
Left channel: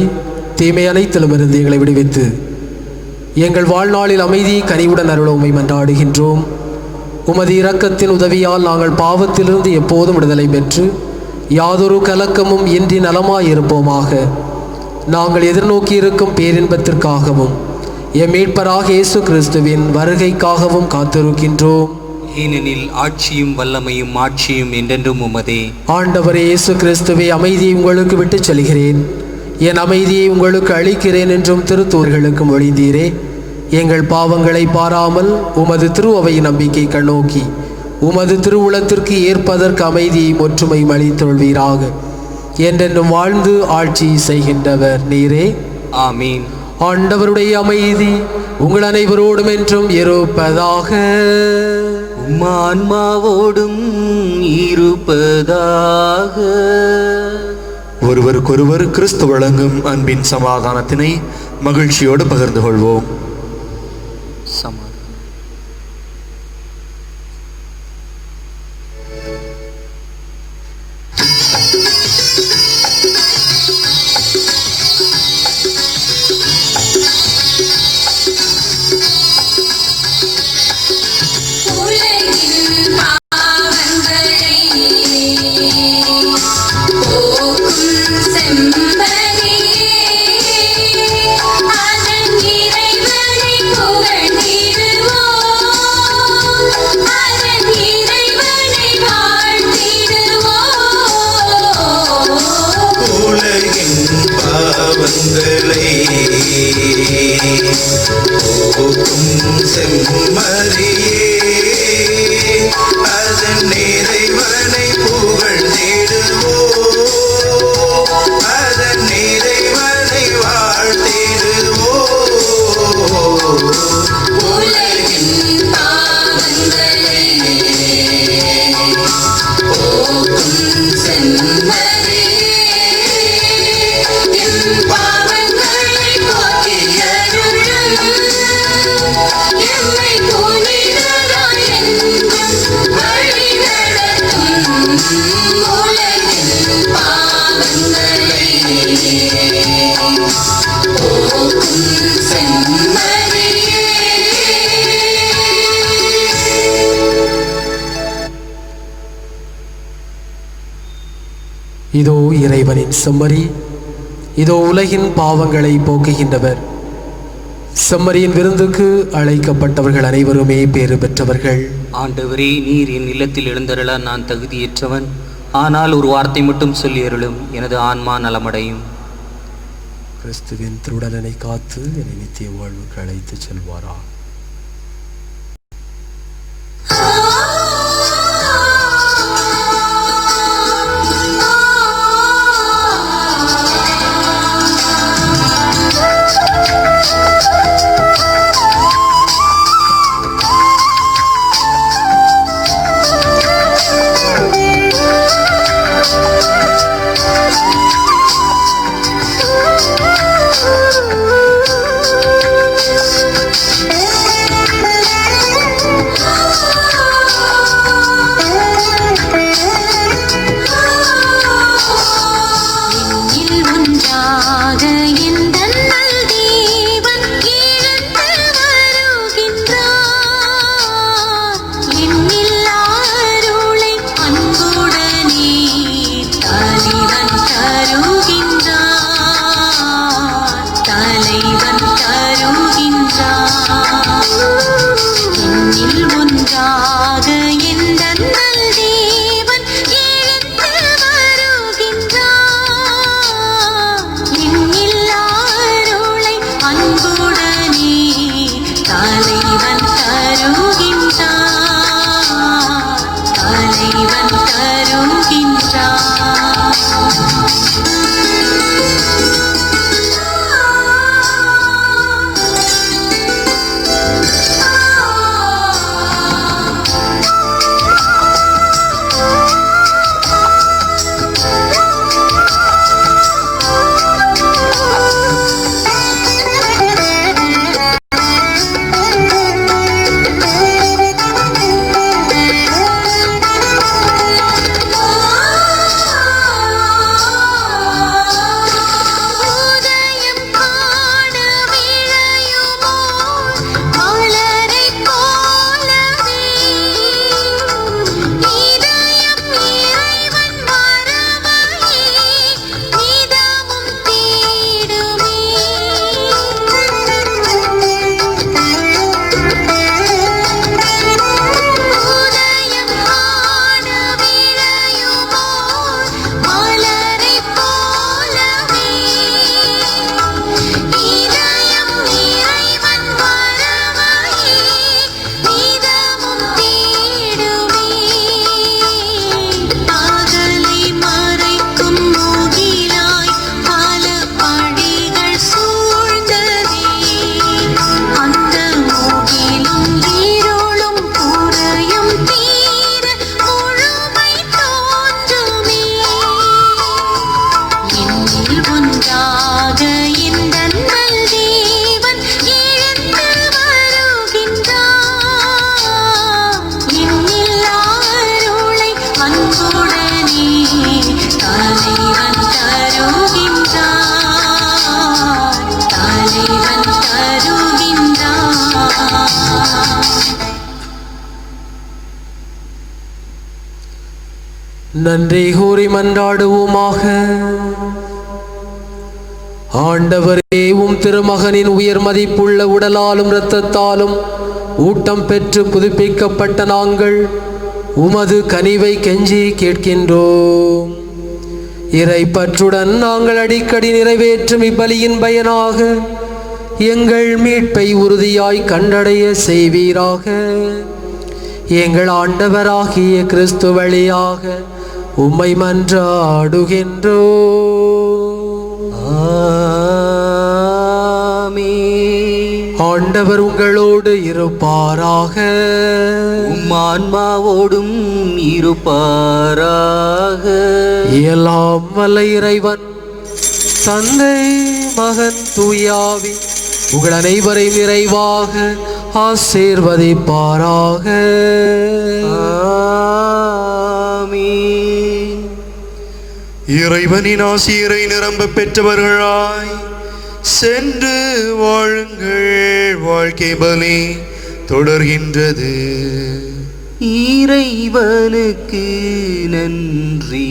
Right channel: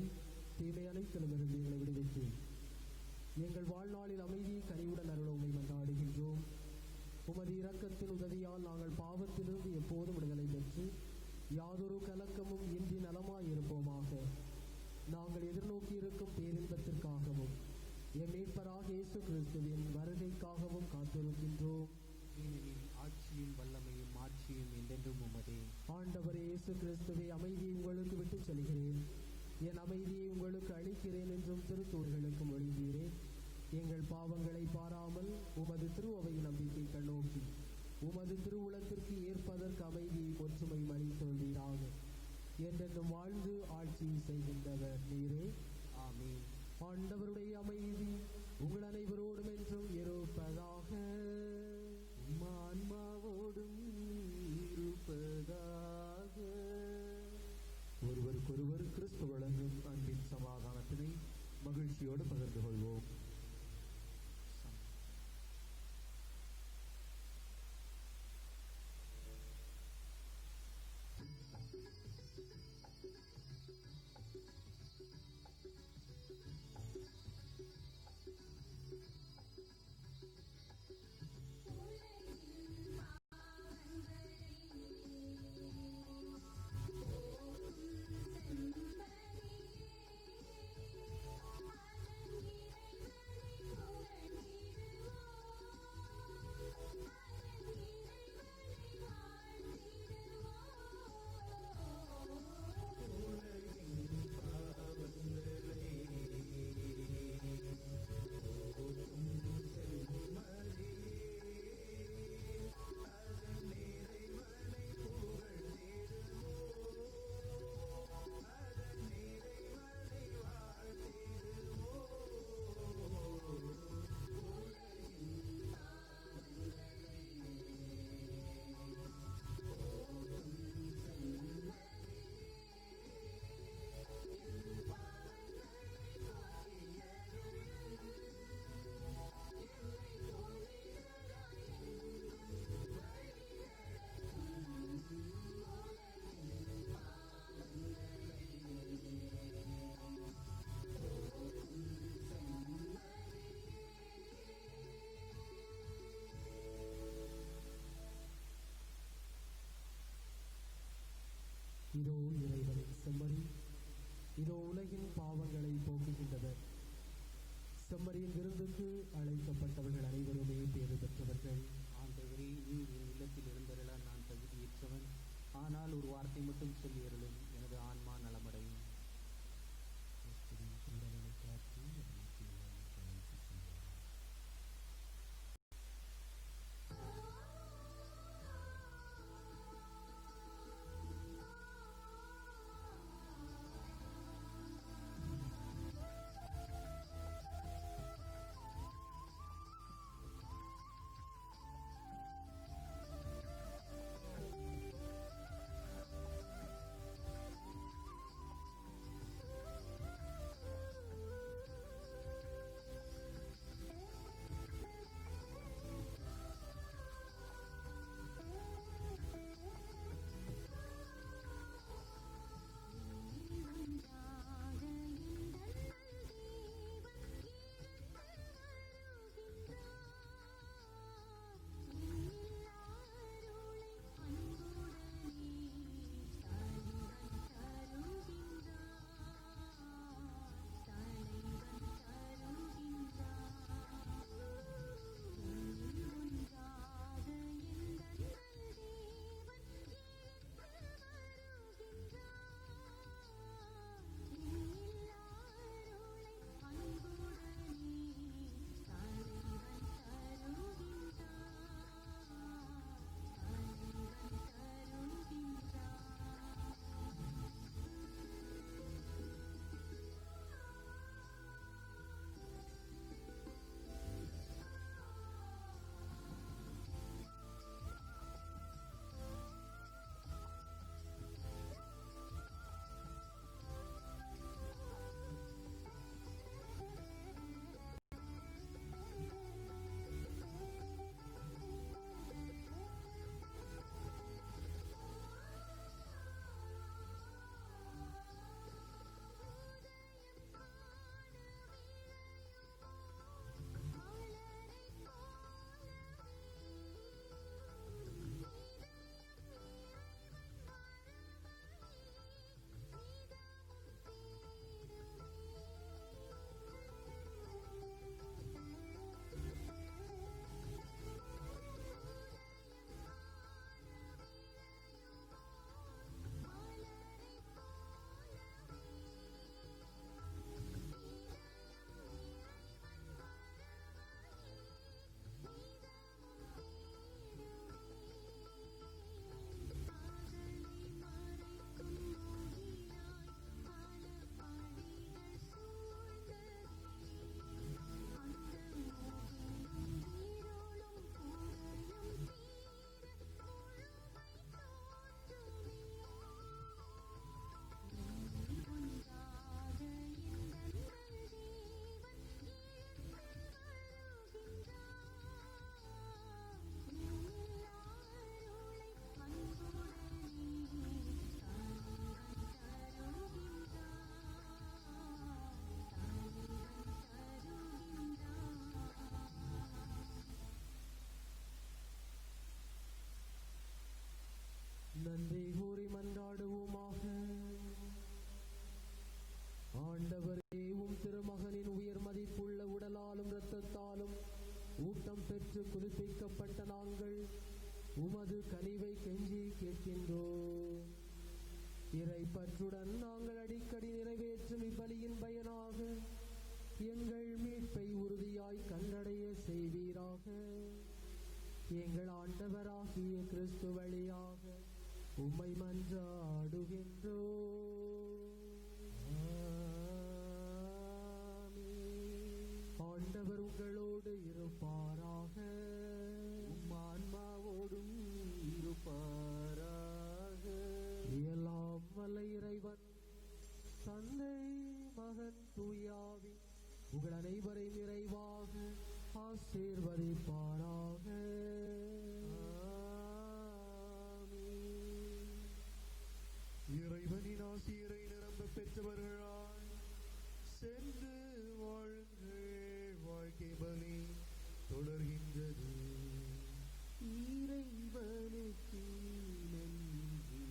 தீமை அனைத்திலுமிருந்து எங்களை விடுவித்து எங்கள் வாழ்நாளில் அமைதி கனிவுடன் அருள உம்மை மன்றாடுகின்றோம். உமது இரக்கத்தின் உதவியால் நாங்கள் பாவத்திலிருந்து எப்போதும் விடுதலை பெற்று யாதொரு கலக்கமும் இன்றி நலமாயிருப்போமாக. நாங்கள் எதிர்நோக்கி இருக்கும் பேரின்பத்திற்காகவும் எம் மீட்பராக இயேசு கிறிஸ்துவின் வருகைக்காகவும் காத்திருக்கின்றோம். ஏனெனில் ஆட்சியும் வல்லமையும் ஆட்சியும் என்றென்றும் உமதே. ஆண்டவரே இயேசு கிறிஸ்துவே, அமைதியை உங்களுக்கு விட்டுச் செல்கிறேன், என் அமைதியை உங்களுக்கு அளிக்கிறேன் என்றும் திருத்தூர்களுக்கு மொழிந்தீரே. எங்கள் பாவங்களை பாராமல் உமது திருஅவை நம்பிக்கை கண்ணோக்கி உமது திருவுளத்திற்கு ஏற்பதற்கு அமைதியை ஒற்றுமையும் அளித்தொள்வீராக. என்றென்றும் வாழ்ந்து ஆட்சி செய்கின்றவர் நீரே. ஆமீன். ஆண்டவருடைய அமைதி உங்கள் அனைவரோடும் என்றும் இருப்பதாக. ஆன்மாவோடும் இருப்பதாக. ஒருவருக்கொருவர் கிறிஸ்து வழங்கும் அன்பின் சமாதானத்தினை மகிழ்ச்சியோடு பகிர்ந்து கொள்வோம். இதோ இறைவனின் செம்மறி, இதோ உலகின் பாவங்களை போக்குகின்றவர். செம்மறியின் விருந்துக்கு அழைக்கப்பட்டவர்கள் அனைவருமே பேறு பெற்றவர்கள். ஆண்டவரே, நீர் என் இல்லத்தில் எழுந்தருள நான் தகுதியற்றவன். ஆனால் ஒரு வார்த்தை மட்டும் சொல்லி அருளும், எனது ஆன்மா நலமடையும். கிறிஸ்துவின் திருடலனை காத்து என்னை நித்திய வாழ்வுக்கு அழைத்து செல்வாரா. Oh நன்றி கூறி மன்றாடுவோமாக. ஆண்டவரே, உம் திருமகனின் உயர் மதிப்புள்ள உடலாலும் இரத்தத்தாலும் ஊட்டம் பெற்று புதுப்பிக்கப்பட்ட நாங்கள் உமது கனிவை கெஞ்சி கேட்கின்றோம். இறை பற்றுடன் நாங்கள் அடிக்கடி நிறைவேற்றும் இப்பலியின் பயனாக எங்கள் மீட்பை உறுதியாய் கண்டடைய செய்வீராக. எங்கள் ஆண்டவராகிய கிறிஸ்து வழியாக உம்மை மன்றாடுகின்றோம். ஆமென். ஆண்டவர் உங்களோடு இருப்பாராக. உம் ஆன்மாவோடும் இருப்பாராக. எல்லாம் வல்ல இறைவன் தந்தை, மகன், தூயாவி உங்கள் அனைவரையும் நிறைவாக ஆசீர்வதிப்பாராக. ஆமென். இறைவனின் ஆசிரை நிரம்ப பெற்றவர்களாய் சென்று வாழுங்கள். வாழ்க்கை பலி தொடர்கின்றது. இறைவனுக்கு நன்றி.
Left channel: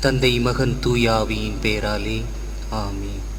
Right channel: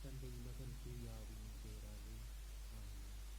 தந்தை, மகன், தூயாவியின் பேராலே ஆமென்.